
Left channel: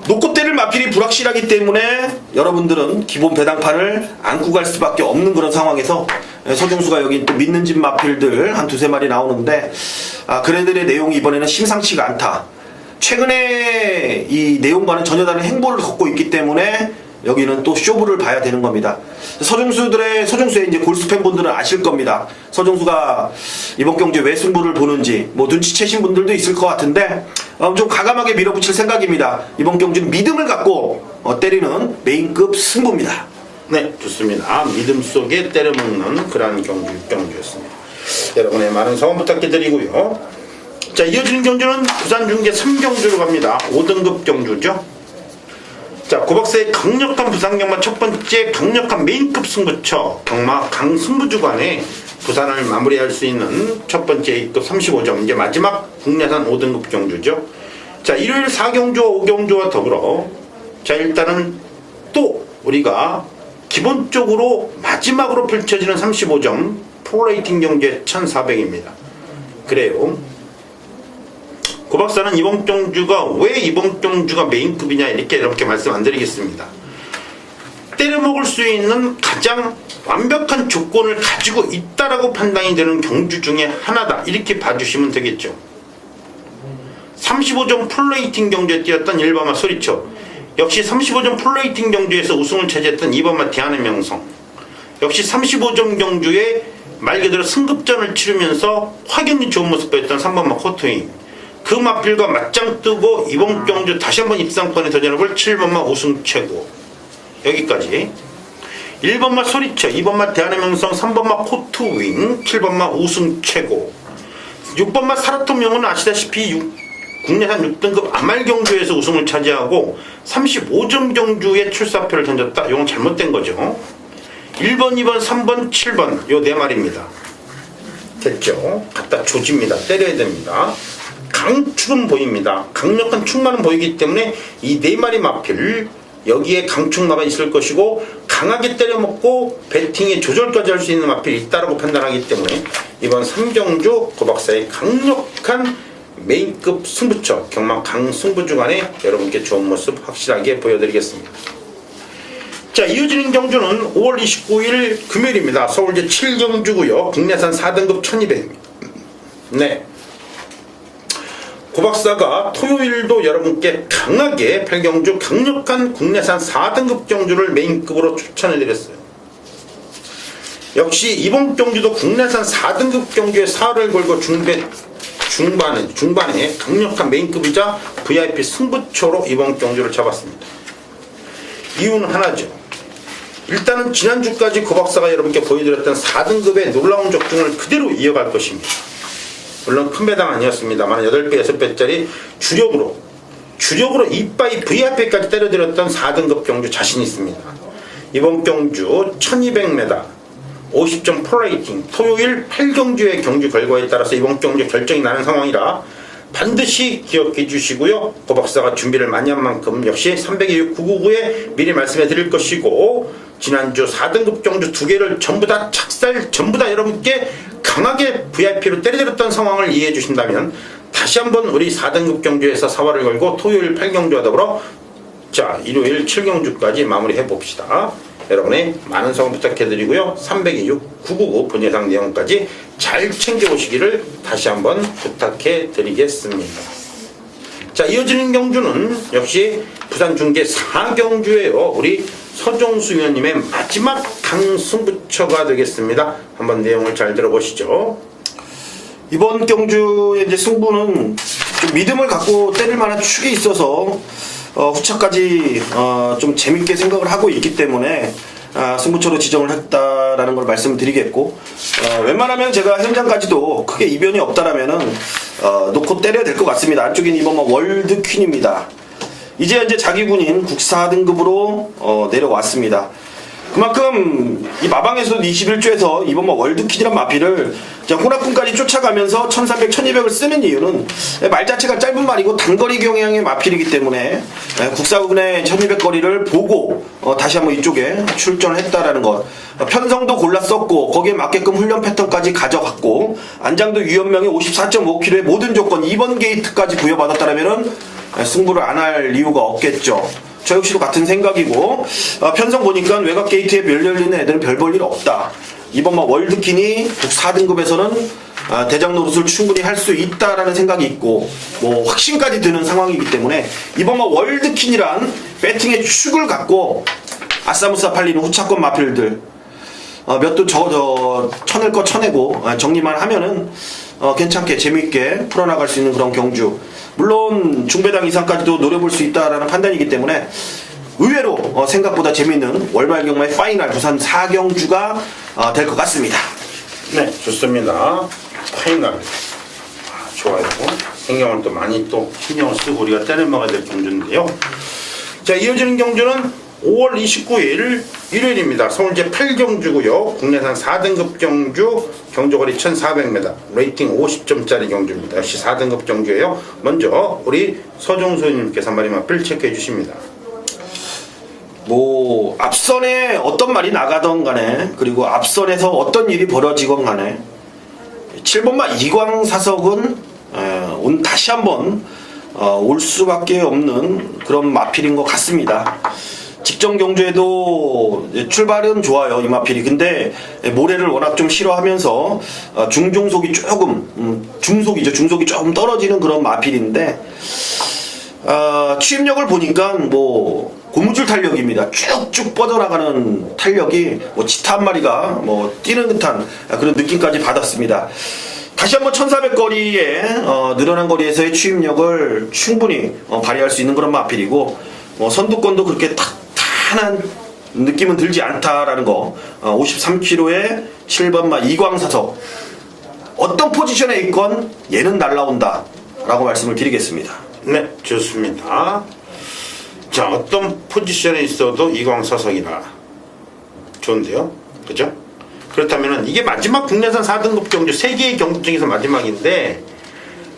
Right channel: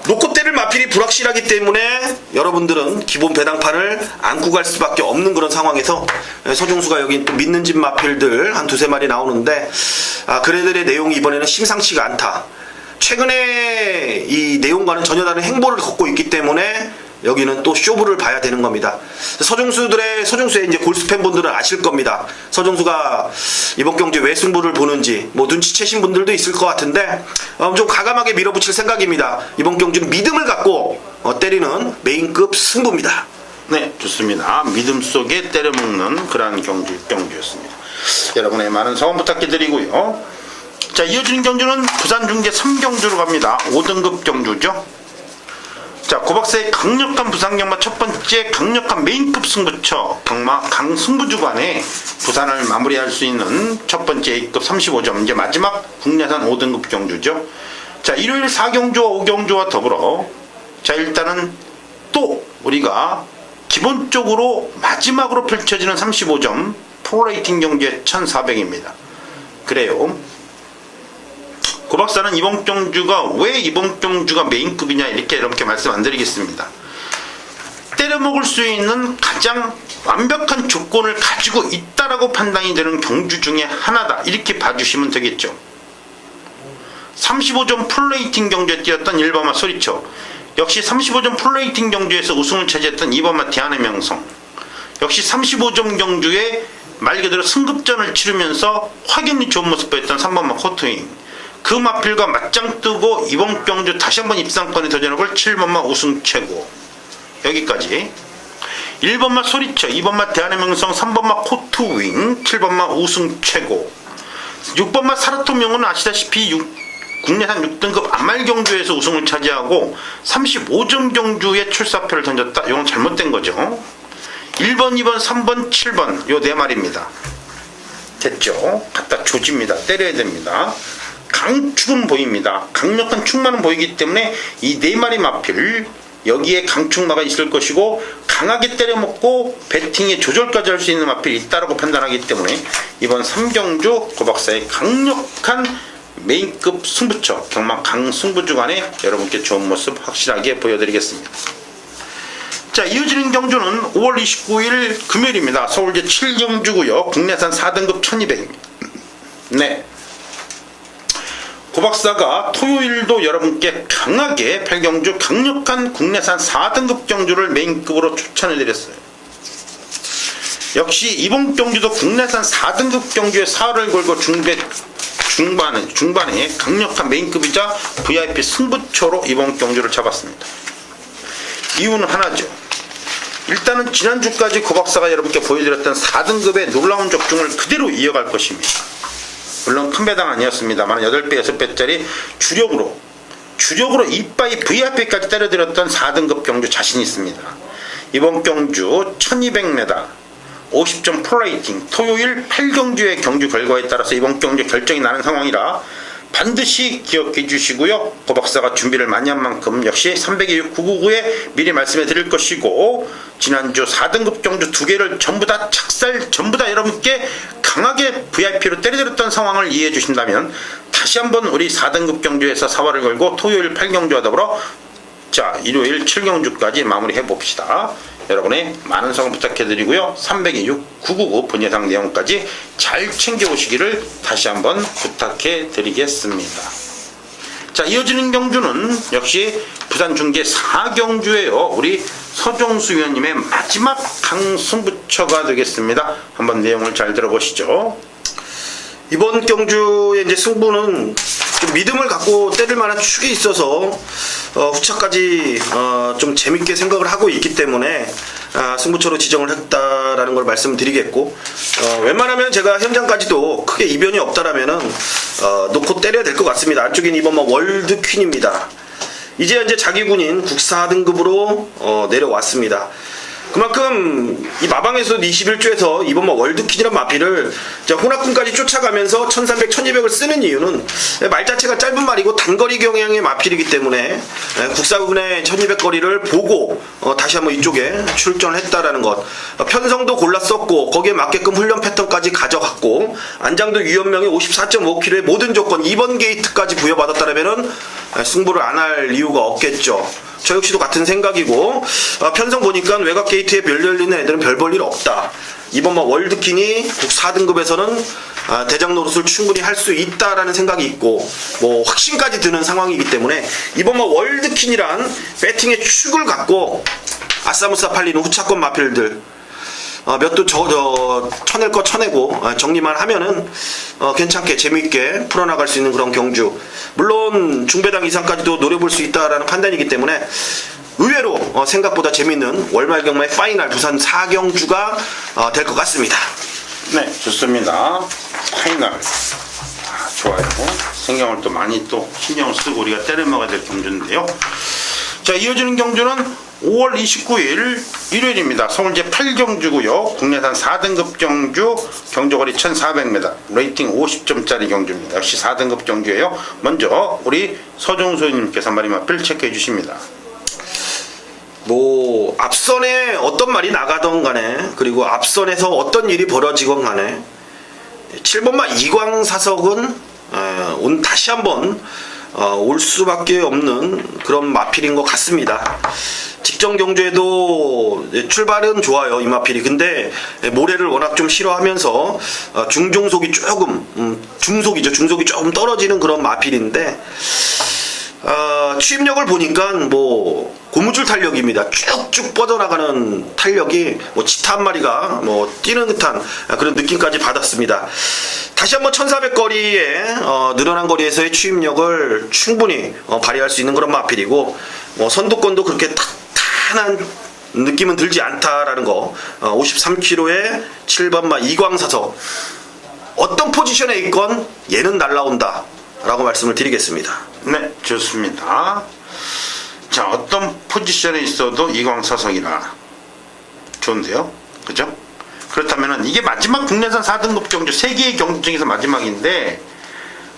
놓고 때릴 마필이 불확실하기 때문에 여러분들은 기본 배당판을 안고 갈 수밖에 없는 그런 상황에서 서종수가 여기 또 믿는 집 마필들 한 두세 마리 나오는데, 그네들의 내용이 이번에는 심상치가 않다. 최근에 이 내용과는 전혀 다른 행보를 걷고 있기 때문에 여기는 또 쇼부를 봐야 되는 겁니다. 서종수의 이제 골수 팬분들은 아실 겁니다. 서종수가 이번 경주에 왜 승부를 보는지 뭐 눈치채신 분들도 있을 것 같은데, 좀 과감하게 밀어붙일 생각입니다. 이번 경주는 믿음을 갖고 때리는 메인급 승부입니다. 네, 좋습니다. 믿음 속에 때려먹는 그러한 경주였습니다. 여러분의 많은 성원 부탁드리고요. 자, 이어지는 경주는 부산 중계 3경주로 갑니다. 5등급 경주죠. 자, 고박사의 강력한 부상 경마 첫 번째 강력한 메인급 승부처 경마 강승부주간에 부산을 마무리할 수 있는 첫 번째 A급 35점 이제 마지막 국내산 5등급 경주죠. 자, 일요일 4경주와 5경주와 더불어 자, 일단은 또 우리가 기본적으로 마지막으로 펼쳐지는 35점 프로레이팅 경주에 1400입니다. 그래요. 고박사는 이번 경주가 왜 이번 경주가 메인급이냐 이렇게 말씀 안 드리겠습니다. 때려먹을 수 있는 가장 완벽한 조건을 가지고 있다라고 판단이 되는 경주 중에 하나다 이렇게 봐주시면 되겠죠. 35점 풀레이팅 경주에 뛰었던 1번마 소리쳐, 역시 35점 풀레이팅 경주에서 우승을 차지했던 2번마 대한의 명성, 역시 35점 경주에 말 그대로 승급전을 치르면서 확연히 좋은 모습 보였던 3번마 코트윙, 그 마필과 맞짱 뜨고 이번 경주 다시 한번 입상권에 도전해볼 7번마 우승 최고. 여기까지 1번마 소리쳐, 2번마 대한의 명성, 3번마 코트윙, 7번마 우승 최고. 6번마 사르토명은 아시다시피 국내산 6등급 아말 경주에서 우승을 차지하고 35점 경주에 출사표를 던졌다. 이건 잘못된 거죠. 1번, 2번, 3번, 7번 요 네 마리입니다. 됐죠? 갖다 조집니다. 때려야 됩니다. 강축은 보입니다. 강력한 축마는 보이기 때문에 이 네 마리 마필 여기에 강축마가 있을 것이고 강하게 때려먹고 배팅의 조절까지 할 수 있는 마필이 있다라고 판단하기 때문에 이번 3경주 고박사의 강력한 메인급 승부처 경마 강승부주간에 여러분께 좋은 모습 확실하게 보여드리겠습니다. 자, 이어지는 경주는 5월 29일 금요일입니다. 서울제 7경주고요. 국내산 4등급 1200입니다. 네. 고박사가 토요일도 여러분께 강하게 8경주 강력한 국내산 4등급 경주를 메인급으로 추천해드렸어요. 역시 이번 경주도 국내산 4등급 경주에 사활을 걸고 중반에 강력한 메인급이자 VIP 승부처로 이번 경주를 잡았습니다. 이유는 하나죠. 일단은 지난주까지 고박사가 여러분께 보여드렸던 4등급의 놀라운 적중을 그대로 이어갈 것입니다. 물론 큰 배당 아니었습니다만 8배, 6배짜리 주력으로 이빠이 VIP까지 때려드렸던 4등급 경주 자신 있습니다. 이번 경주 1200m 50점 프로레이팅 토요일 8경주의 경주 결과에 따라서 이번 경주 결정이 나는 상황이라 반드시 기억해 주시고요. 고박사가 준비를 많이 한 만큼 역시 326-999에 미리 말씀해 드릴 것이고 지난주 4등급 경주 2개를 전부 다 착살 전부 다 여러분께 강하게 VIP로 때려드렸던 상황을 이해해 주신다면 다시 한번 우리 4등급 경주에서 사활을 걸고 토요일 8경주와 더불어 자 일요일 7경주까지 마무리해 봅시다. 여러분의 많은 성원 부탁해드리고요. 326-999 본 예상 내용까지 잘 챙겨오시기를 다시 한번 부탁해드리겠습니다. 자, 이어지는 경주는 역시 부산 중계 4경주예요. 우리 서종수 위원님의 마지막 강승부처가 되겠습니다. 한번 내용을 잘 들어보시죠. 이번 경주의 이제 승부는 좀 믿음을 갖고 때릴 만한 축이 있어서 후차까지 좀 재밌게 생각을 하고 있기 때문에 승부처로 지정을 했다라는 걸 말씀드리겠고 웬만하면 제가 현장까지도 크게 이변이 없다라면은 놓고 때려야 될 것 같습니다. 안쪽엔 이번 월드퀸입니다. 이제 자기 군인 국사 등급으로 내려왔습니다. 그만큼 이 마방에서 21주에서 이번 월드퀸이란 마필을 혼합군까지 쫓아가면서 1300, 1200을 쓰는 이유는 말 자체가 짧은 말이고 단거리 경향의 마필이기 때문에 국사군의 1200거리를 보고 다시 한번 이쪽에 출전을 했다라는 것. 편성도 골랐었고 거기에 맞게끔 훈련 패턴까지 가져갔고 안장도 유연명의 54.5kg의 모든 조건 2번 게이트까지 부여받았다라면은 승부를 안 할 이유가 없겠죠. 저 역시도 같은 생각이고 편성 보니까 외곽 게이트에 별 열리는 애들은 별 볼 일 없다. 이번 월드퀸이 4등급에서는 대장 노릇을 충분히 할 수 있다라는 생각이 있고 뭐 확신까지 드는 상황이기 때문에 이번 월드퀸이란 배팅의 축을 갖고 아싸무싸 팔리는 후차권 마필들 몇 도 쳐낼 거 쳐내고 정리만 하면은 괜찮게 재미있게 풀어나갈 수 있는 그런 경주. 물론 중배당 이상까지도 노려볼 수 있다라는 판단이기 때문에 의외로 생각보다 재미있는 월말 경마의 파이널 부산 4경주가 될 것 같습니다. 네, 좋습니다. 파이널 좋아요. 신경을 또 많이 또 신경을 쓰고 우리가 때려먹어야 될 경주인데요. 자, 이어지는 경주는 5월 29일 일요일입니다. 서울 제8경주고요. 국내산 4등급 경주, 경주거리 1400m, 레이팅 50점짜리 경주입니다. 역시 4등급 경주예요. 먼저 우리 서종수님께서 한 마리만 필 체크해 주십니다. 뭐 앞선에 어떤 말이 나가던 간에, 그리고 앞선에서 어떤 일이 벌어지건 간에 7번마 이광사석은 다시 한번 올 수밖에 없는 그런 마필인 것 같습니다. 직전 경주에도 출발은 좋아요, 이 마필이. 근데 모래를 워낙 좀 싫어하면서 중속이 조금 중속이 조금 떨어지는 그런 마필인데, 추임력을 보니까 뭐 고무줄 탄력입니다. 쭉쭉 뻗어나가는 탄력이 뭐 치타 한 마리가 뭐 뛰는 듯한 그런 느낌까지 받았습니다. 다시 한번 1400거리에 늘어난 거리에서의 추임력을 충분히 발휘할 수 있는 그런 마필이고, 선두권도 그렇게 탄탄한 느낌은 들지 않다라는 거. 53km에 7번마 이광사석, 어떤 포지션에 있건 얘는 날라온다 라고 말씀을 드리겠습니다. 네, 좋습니다. 자, 어떤 포지션에 있어도 이광사석이라 좋은데요, 그죠? 그렇다면은 이게 마지막 국내산 4등급 경주, 3개의 경주 중에서 마지막인데,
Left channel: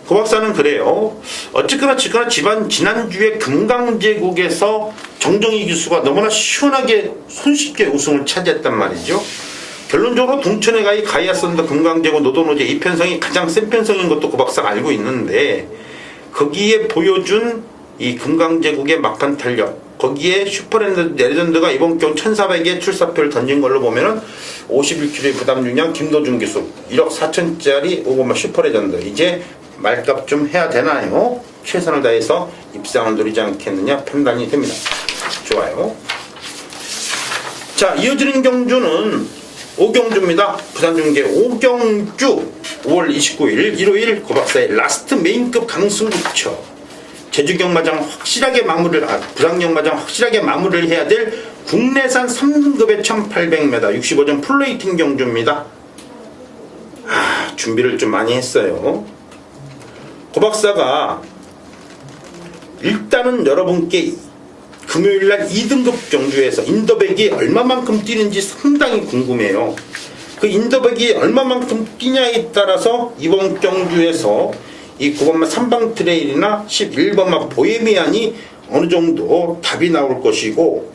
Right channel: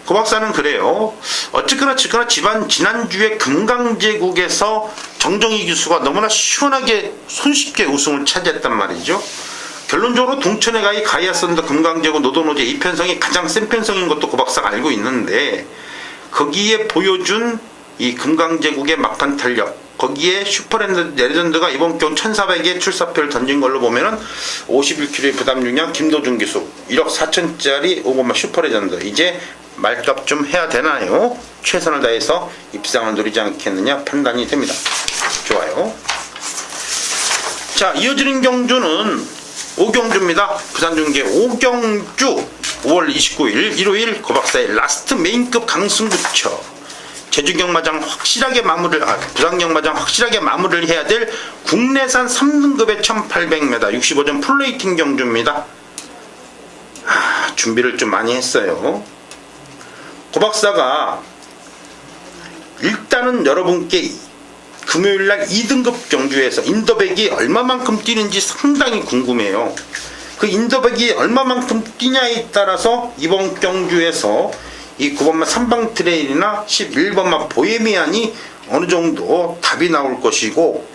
고 박사는 그래요. 어쨌거나 지난주에 금강제국에서 정정희 교수가 너무나 시원하게 손쉽게 우승을 차지했단 말이죠. 결론적으로 동천에 가이아선더 금강제국 노도노제 이 편성이 가장 센 편성인 것도 고 박사가 알고 있는데, 거기에 보여준 이 금강제국의 막판 탄력, 거기에 슈퍼레전드가 이번 경우 1400에 출사표를 던진 걸로 보면은 51kg의 부담 중량 김도준 기수 1억 4천짜리 5번마 슈퍼레전드, 이제 말값 좀 해야 되나요? 최선을 다해서 입상을 노리지 않겠느냐 판단이 됩니다. 좋아요. 자, 이어지는 경주는 5경주입니다. 부산중계 5경주 5월 29일 일요일 고 박사의 라스트 메인급 강승구처. 제주경마장 확실하게 부산경마장 확실하게 마무리를 해야 될 국내산 3등급의 1800m 65점 플레이팅 경주입니다. 준비를 좀 많이 했어요. 고 박사가 일단은 여러분께 금요일날 2등급 경주에서 인더백이 얼마만큼 뛰는지 상당히 궁금해요. 그 인더백이 얼마만큼 뛰냐에 따라서 이번 경주에서 이 9번마 삼방 트레일이나 11번마 보헤미안이 어느 정도 답이 나올 것이고,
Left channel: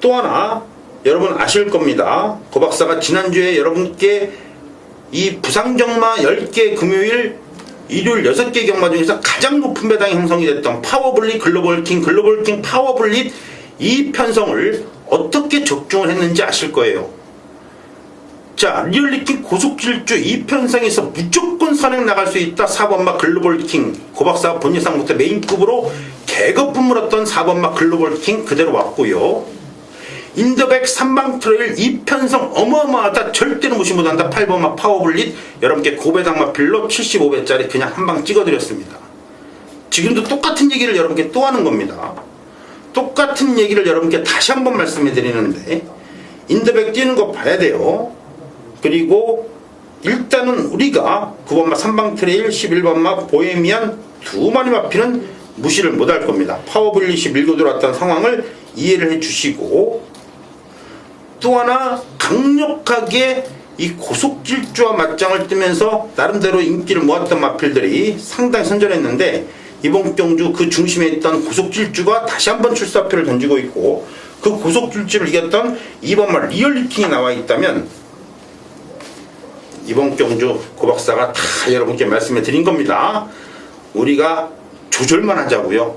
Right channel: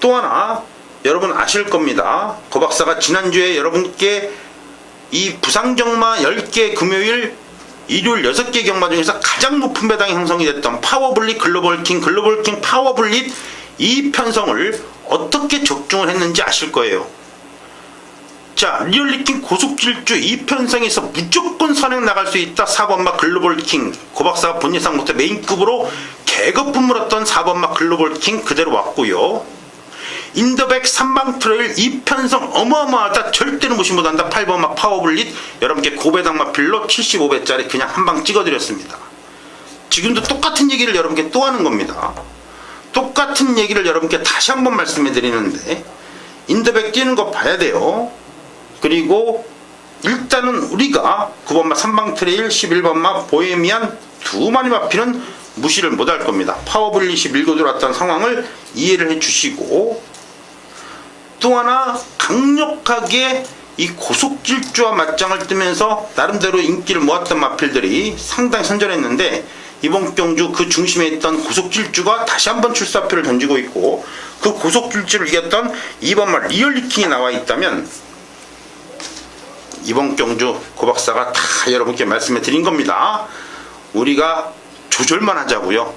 또 하나 여러분 아실 겁니다. 고 박사가 지난주에 여러분께 이 부상경마 10개 금요일 일요일 6개 경마 중에서 가장 높은 배당이 형성이 됐던 파워블릿 글로벌킹 파워블릿 이 편성을 어떻게 적중을 했는지 아실 거예요. 자, 리얼리킹 고속질주 이 편성에서 무조건 선행 나갈 수 있다. 4번마 글로벌킹, 고 박사가 본 예상 못해 메인급으로 개거품 물었던 4번마 글로벌킹 그대로 왔고요. 인더백 3방 트레일 이 편성 어마어마하다. 절대로 무시 못한다. 8번마 파워블릿 여러분께 고배당 마필로 75배짜리 그냥 한 방 찍어드렸습니다. 지금도 똑같은 얘기를 여러분께 또 하는 겁니다. 똑같은 얘기를 여러분께 다시 한번 말씀해 드리는데, 인더백 뛰는 거 봐야 돼요. 그리고 일단은 우리가 9번마 3방 트레일 11번마 보헤미안 두 마리 마피는 무시를 못할 겁니다. 파워블릿이 밀고 들어왔던 상황을 이해를 해주시고, 또 하나 강력하게 이 고속질주와 맞짱을 뜨면서 나름대로 인기를 모았던 마필들이 상당히 선전했는데, 이번 경주 그 중심에 있던 고속질주가 다시 한번 출사표를 던지고 있고, 그 고속질주를 이겼던 2번마 리얼리킹이 나와 있다면 이번 경주 고 박사가 다 여러분께 말씀해 드린 겁니다. 우리가 조절만 하자고요.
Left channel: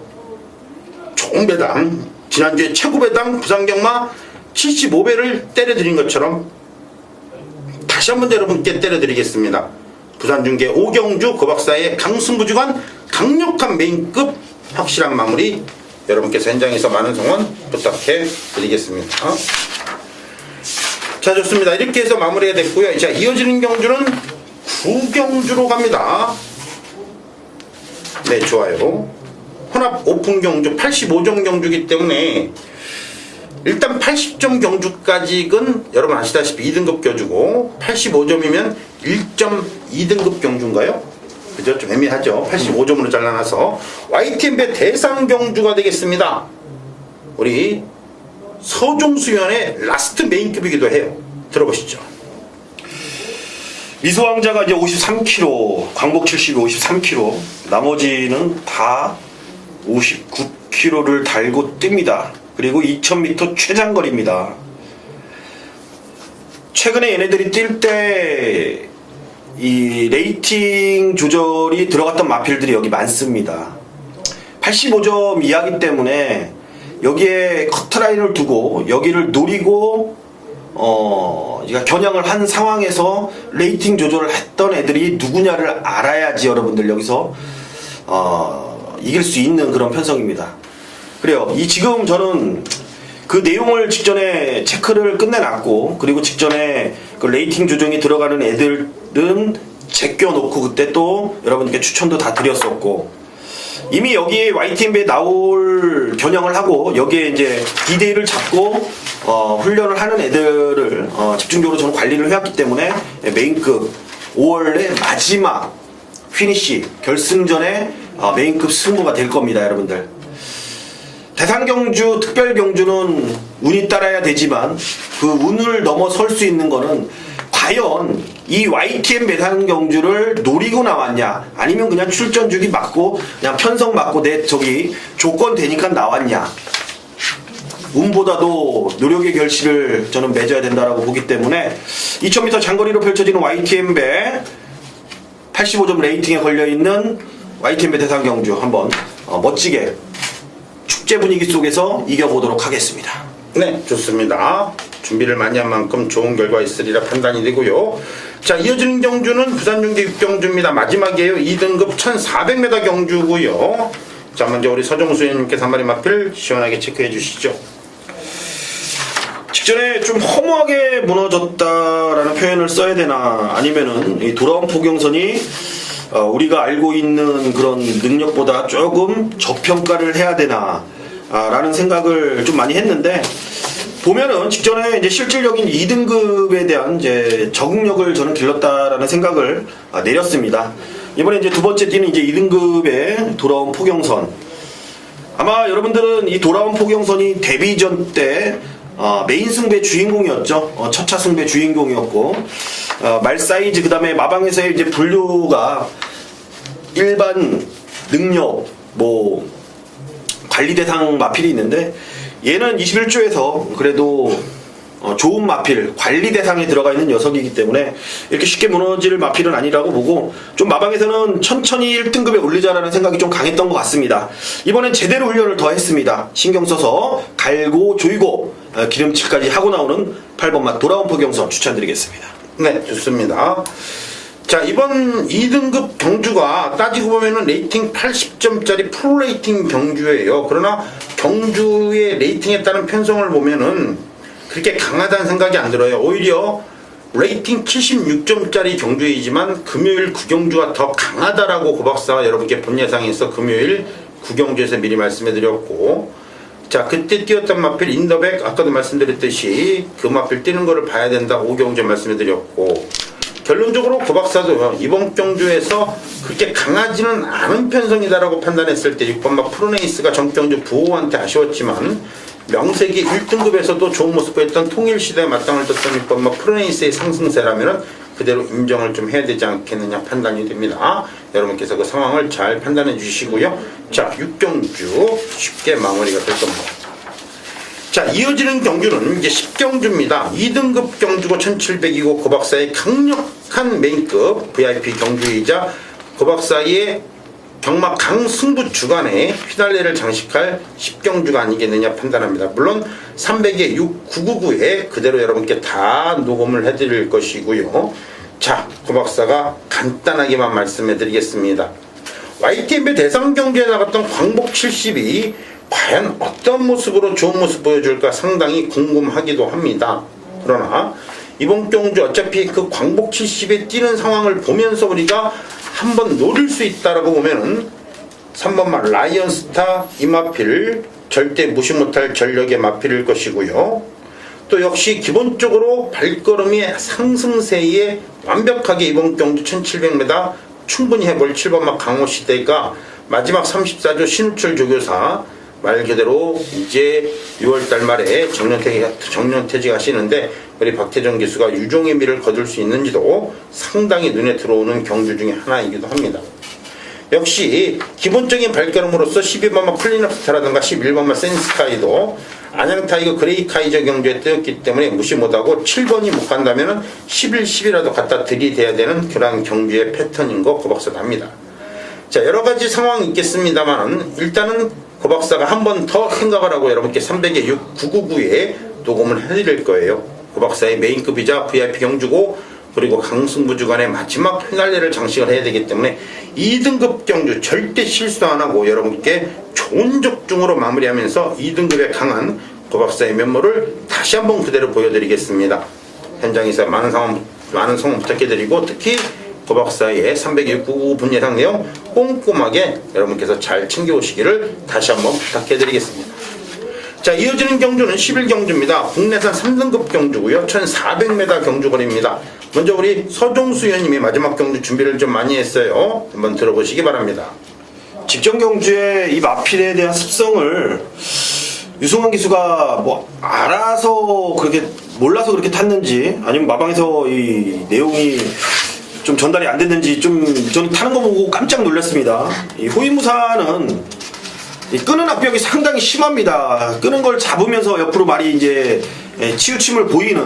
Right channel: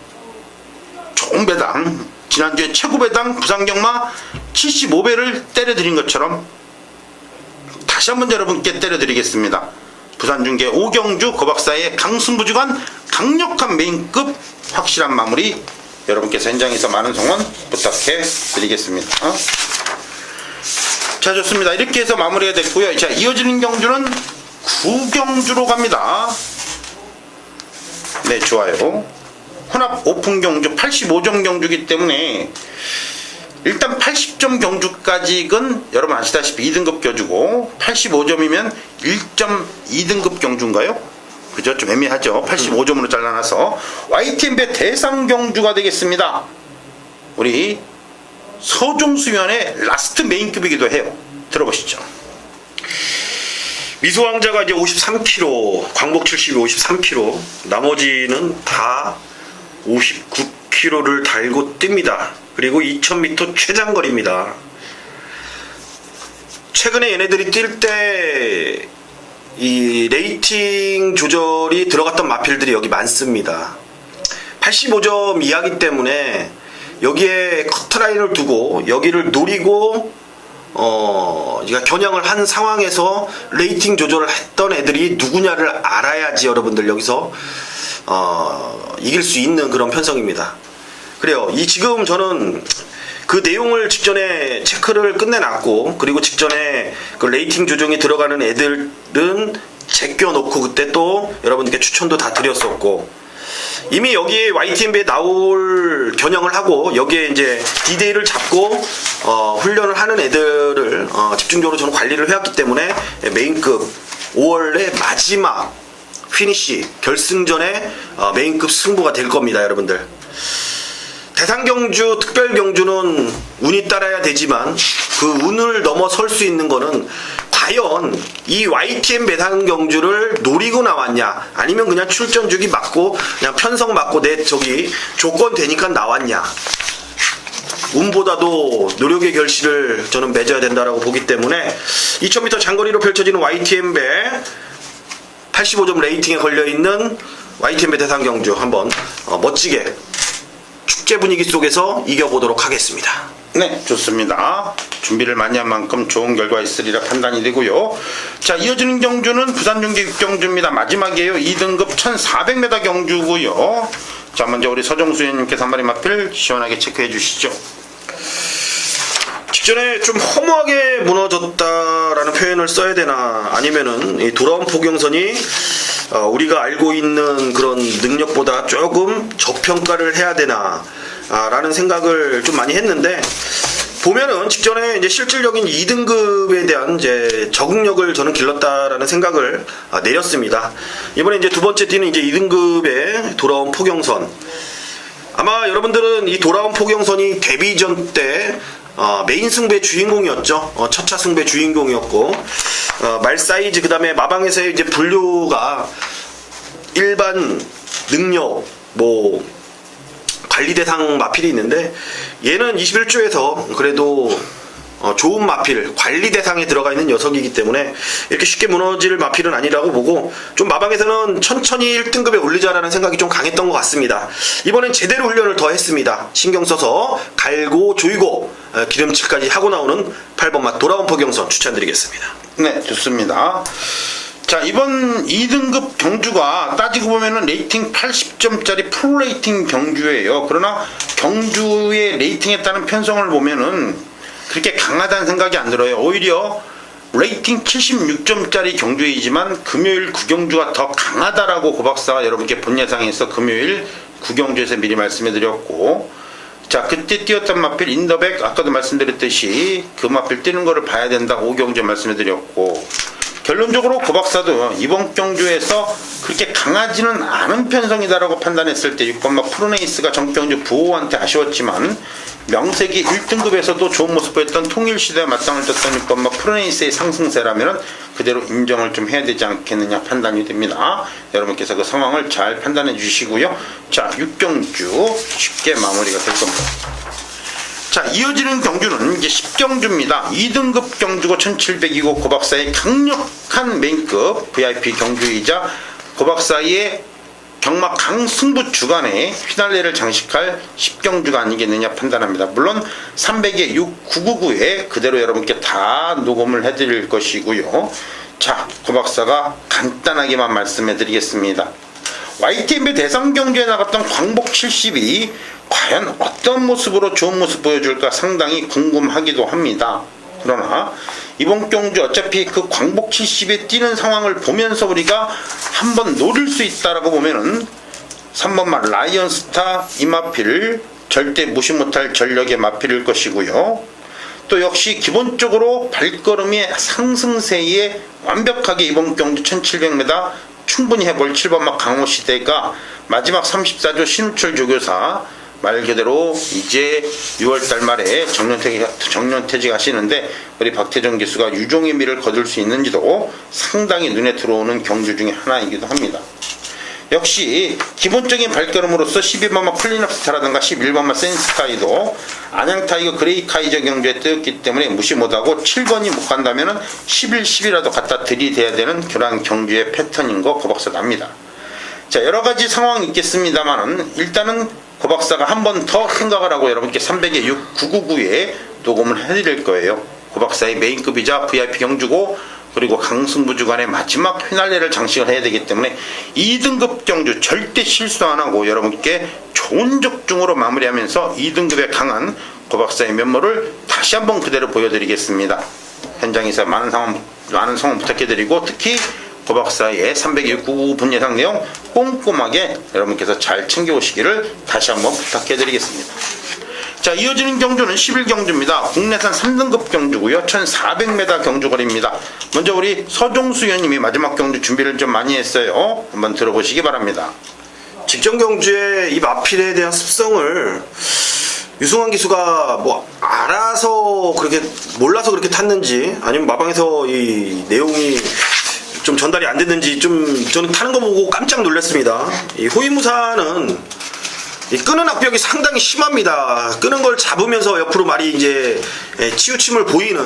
좋은 배당, 지난주에 최고 배당 부산경마 75배를 때려드린 것처럼 다시 한번 여러분께 때려드리겠습니다. 부산중계 5경주 고 박사의 강승부주간 강력한 메인급 확실한 마무리 여러분께서 현장에서 많은 성원 부탁해 드리겠습니다. 자, 좋습니다. 이렇게 해서 마무리가 됐고요. 자, 이어지는 경주는 9경주로 갑니다. 네, 좋아요. 혼합 오픈 경주 85점 경주이기 때문에 일단 80점 경주까지는 여러분 아시다시피 2등급 경주고, 85점이면 1.2등급 경주인가요? 그죠? 좀 애매하죠. 85점으로 잘라놔서 YTN배 대상 경주가 되겠습니다. 우리 서종수연의 라스트 메인급이기도 해요. 들어보시죠. 미소왕자가 이제 53kg, 광복 70이 53kg, 나머지는 다 59kg를 달고 뜁니다. 그리고 2000m 최장거리입니다. 최근에 얘네들이 뛸 때 이 레이팅 조절이 들어갔던 마필들이 여기 많습니다. 85점 이하기 때문에 여기에 커트라인을 두고 여기를 노리고 그러니까 겨냥을 한 상황에서 레이팅 조절을 했던 애들이 누구냐를 알아야지 여러분들 여기서 이길 수 있는 그런 편성입니다. 그래요. 지금 저는 그 내용을 직전에 체크를 끝내놨고, 그리고 직전에 그 레이팅 조정이 들어가는 애들은 제껴놓고 그때 또 여러분들께 추천도 다 드렸었고, 이미 여기 YTNB에 나올 겨냥을 하고 여기에 이제 디데이를 잡고 훈련을 하는 애들을 집중적으로 저는 관리를 해왔기 때문에 메인급 5월의 마지막 피니시 결승전에 메인급 승부가 될 겁니다, 여러분들. 대상경주, 특별경주는 운이 따라야 되지만 그 운을 넘어설 수 있는 거는 과연 이 YTN 대상경주를 노리고 나왔냐, 아니면 그냥 출전 주기 맞고 그냥 편성 맞고 내 저기 조건 되니까 나왔냐. 운보다도 노력의 결실을 저는 맺어야 된다라고 보기 때문에 2000m 장거리로 펼쳐지는 YTN배 85점 레이팅에 걸려있는 YTN배 대상경주 한번 멋지게 축제 분위기 속에서 이겨보도록 하겠습니다. 네, 좋습니다. 준비를 많이 한 만큼 좋은 결과 있으리라 판단이 되고요. 자, 이어지는 경주는 부산중계 6경주입니다. 마지막이에요. 2등급 1400m 경주고요. 자, 먼저 우리 서정수 의원님께서 한 마리 마필 시원하게 체크해 주시죠. 직전에 좀 허무하게 무너졌다라는 표현을 써야 되나, 아니면은 이 돌아온 포경선이 우리가 알고 있는 그런 능력보다 조금 저평가를 해야 되나 라는 생각을 좀 많이 했는데, 보면은 직전에 이제 실질적인 2등급에 대한 이제 적응력을 저는 길렀다라는 생각을 내렸습니다. 이번에 이제 두 번째 뛰는 이제 2등급에 돌아온 포경선, 아마 여러분들은 이 돌아온 포경선이 데뷔전 때 메인 승부의 주인공이었죠. 첫차 승부의 주인공이었고, 말 사이즈, 그 다음에 마방에서의 이제 분류가 일반 능력, 관리 대상 마필이 있는데, 얘는 21조에서 그래도 좋은 마필, 관리 대상에 들어가 있는 녀석이기 때문에 이렇게 쉽게 무너질 마필은 아니라고 보고, 좀 마방에서는 천천히 1등급에 올리자라는 생각이 좀 강했던 것 같습니다. 이번엔 제대로 훈련을 더 했습니다. 신경 써서 갈고 조이고 기름칠까지 하고 나오는 8번 맛 돌아온 포경선 추천드리겠습니다. 네, 좋습니다. 자, 이번 2등급 경주가 따지고 보면은 레이팅 80점짜리 프로 레이팅 경주예요. 그러나 경주의 레이팅에 따른 편성을 보면은 그렇게 강하다는 생각이 안 들어요. 오히려 레이팅 76점짜리 경주이지만 금요일 구경주가 더 강하다라고 고박사가 여러분께 본 예상에서 금요일 구경주에서 미리 말씀해 드렸고, 자, 그때 뛰었던 마필 인더백, 아까도 말씀드렸듯이 그 마필 뛰는 거를 봐야 된다, 오경주 말씀해 드렸고, 결론적으로 고박사도 이번 경주에서 그렇게 강하지는 않은 편성이다라고 판단했을 때 6번마 프로네이스가 전경주 부호한테 아쉬웠지만, 명색이 1등급에서도 좋은 모습 보였던 통일시대에 맞짱을 떴던 6번마 프로네이스의 상승세라면 그대로 인정을 좀 해야 되지 않겠느냐 판단이 됩니다. 여러분께서 그 상황을 잘 판단해 주시고요. 자, 6경주 쉽게 마무리가 될 겁니다. 자, 이어지는 경주는 이제 10경주입니다. 2등급 경주가 1700이고 고박사의 강력한 메인급 VIP 경주이자 고박사의 경막 강승부 주간에 휘달레를 장식할 10경주가 아니겠느냐 판단합니다. 물론 300에 6, 999에 그대로 여러분께 다 녹음을 해드릴 것이고요. 자, 고박사가 간단하게만 말씀해 드리겠습니다. YTNB 대상 경주에 나갔던 광복 70이 과연 어떤 모습으로 좋은 모습 보여줄까 상당히 궁금하기도 합니다. 그러나 이번 경주 어차피 그 광복 70에 뛰는 상황을 보면서 우리가 한번 노릴 수 있다라고 보면은 3번만 라이언스타 이마필 절대 무시 못할 전력의 마필일 것이고요. 또 역시 기본적으로 발걸음의 상승세에 완벽하게 이번 경주 1700m 충분히 해볼 7번마 강호시대가 마지막 34조 신우철 조교사 말 그대로 이제 6월달 말에 정년퇴직 하시는데 우리 박태정 교수가 유종의 미를 거둘 수 있는지도 상당히 눈에 들어오는 경주 중에 하나이기도 합니다. 역시 기본적인 발걸음으로서 12번마 클린업스타라든가 11번마 센스카이도 안양타이거 그레이카이저 경주에 뜨였기 때문에 무시 못하고 7번이 못 간다면 11, 10이라도 갖다 들이대야 되는 그러한 경주의 패턴인 거 고박사 납니다. 자, 여러가지 상황이 있겠습니다만 일단은 고박사가 한 번 더 생각을 하고 여러분께 300의 6 999에 녹음을 해드릴 거예요. 고박사의 메인급이자 VIP 경주고 그리고 강승부 주간의 마지막 피날레를 장식을 해야 되기 때문에 2등급 경주 절대 실수 안 하고 여러분께 좋은 적중으로 마무리하면서 2등급에 강한 고박사의 면모를 다시 한번 그대로 보여드리겠습니다. 현장에서 많은 성원 부탁해드리고 특히 고박사의 300일 999분 예상 내용 꼼꼼하게 여러분께서 잘 챙겨오시기를 다시 한번 부탁해드리겠습니다. 자, 이어지는 경주는 11경주입니다. 국내산 3등급 경주고요. 1400m 경주거리입니다. 먼저 우리 서종수 의원님이 마지막 경주 준비를 좀 많이 했어요. 한번 들어보시기 바랍니다. 직전 경주의 이 마필에 대한 습성을 유승환 기수가 뭐 알아서 그렇게 몰라서 그렇게 탔는지 아니면 마방에서 이 내용이 좀 전달이 안 됐는지 좀 저는 타는 거 보고 깜짝 놀랐습니다. 이 호위무사는 이 끄는 악벽이 상당히 심합니다. 끄는 걸 잡으면서 옆으로 말이 이제 치우침을 보이는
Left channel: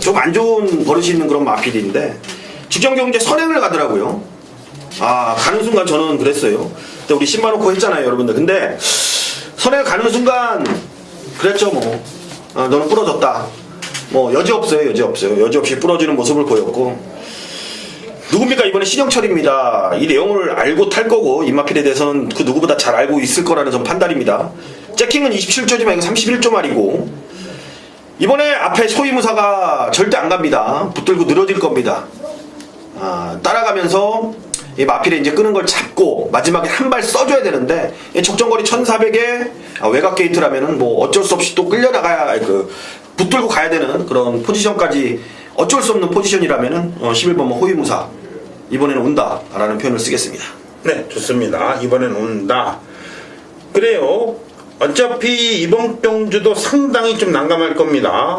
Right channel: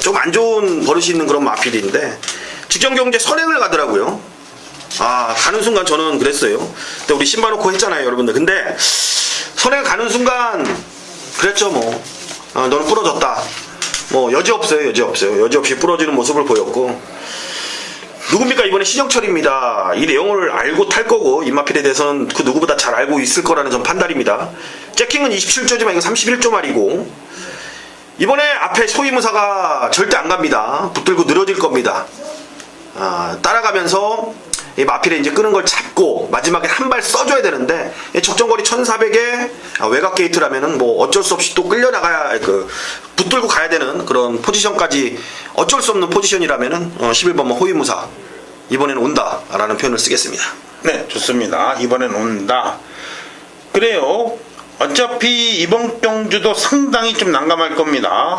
좀 안 좋은 버릇이 있는 그런 마필인데 직전 경주에 선행을 가더라고요. 가는 순간 저는 그랬어요. 근데 우리 신발 놓고 했잖아요, 여러분들. 근데 선행 가는 순간 그랬죠, 뭐. 너는 부러졌다. 뭐 여지 없어요, 여지 없어요. 여지 없이 부러지는 모습을 보였고. 누굽니까? 이번에 신영철입니다. 이 내용을 알고 탈 거고 임마필에 대해서는 그 누구보다 잘 알고 있을 거라는 전 판단입니다. 잭킹은 27조지만 이거 31조 말이고 이번에 앞에 소위무사가 절대 안 갑니다. 붙들고 늘어질 겁니다. 따라가면서 이 마필에 이제 끄는 걸 잡고 마지막에 한 발 써줘야 되는데 적정거리 1400에 외곽 게이트라면은 뭐 어쩔 수 없이 또 끌려나가야 붙들고 가야 되는 그런 포지션까지 어쩔 수 없는 포지션이라면은 11번만 호위무사 이번에는 온다 라는 표현을 쓰겠습니다. 네, 좋습니다. 이번엔 온다. 그래요. 어차피 이번 경주도 상당히 좀 난감할 겁니다.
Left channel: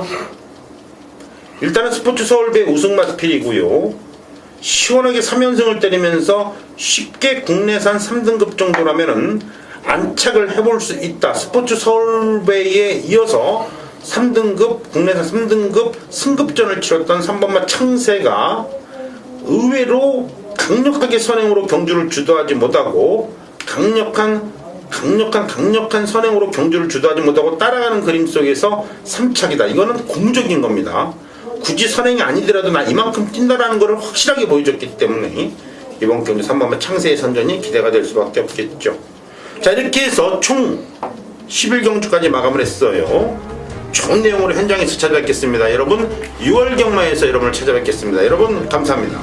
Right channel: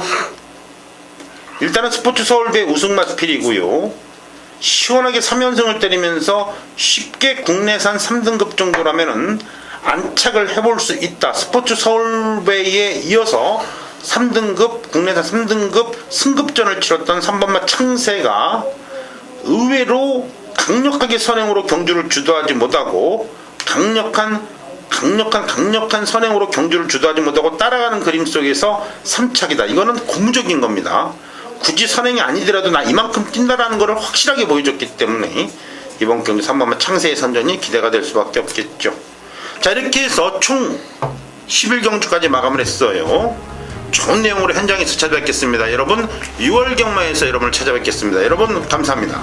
일단은 스포츠 서울배 우승 마필이고요. 시원하게 3연승을 때리면서 쉽게 국내산 3등급 정도라면은 안착을 해볼 수 있다. 스포츠 서울배에 이어서 3등급, 국내산 3등급 승급전을 치렀던 3번마 창세가 의외로 강력하게 선행으로 경주를 주도하지 못하고 강력한 선행으로 경주를 주도하지 못하고 따라가는 그림 속에서 3착이다. 이거는 고무적인 겁니다. 굳이 선행이 아니더라도 나 이만큼 뛴다라는 것을 확실하게 보여줬기 때문에 이번 경주 3번마 창세의 선전이 기대가 될 수밖에 없겠죠. 자, 이렇게 해서 총 11경주까지 마감을 했어요. 좋은 내용으로 현장에서 찾아뵙겠습니다. 여러분 6월 경마에서 여러분을 찾아뵙겠습니다. 여러분 감사합니다.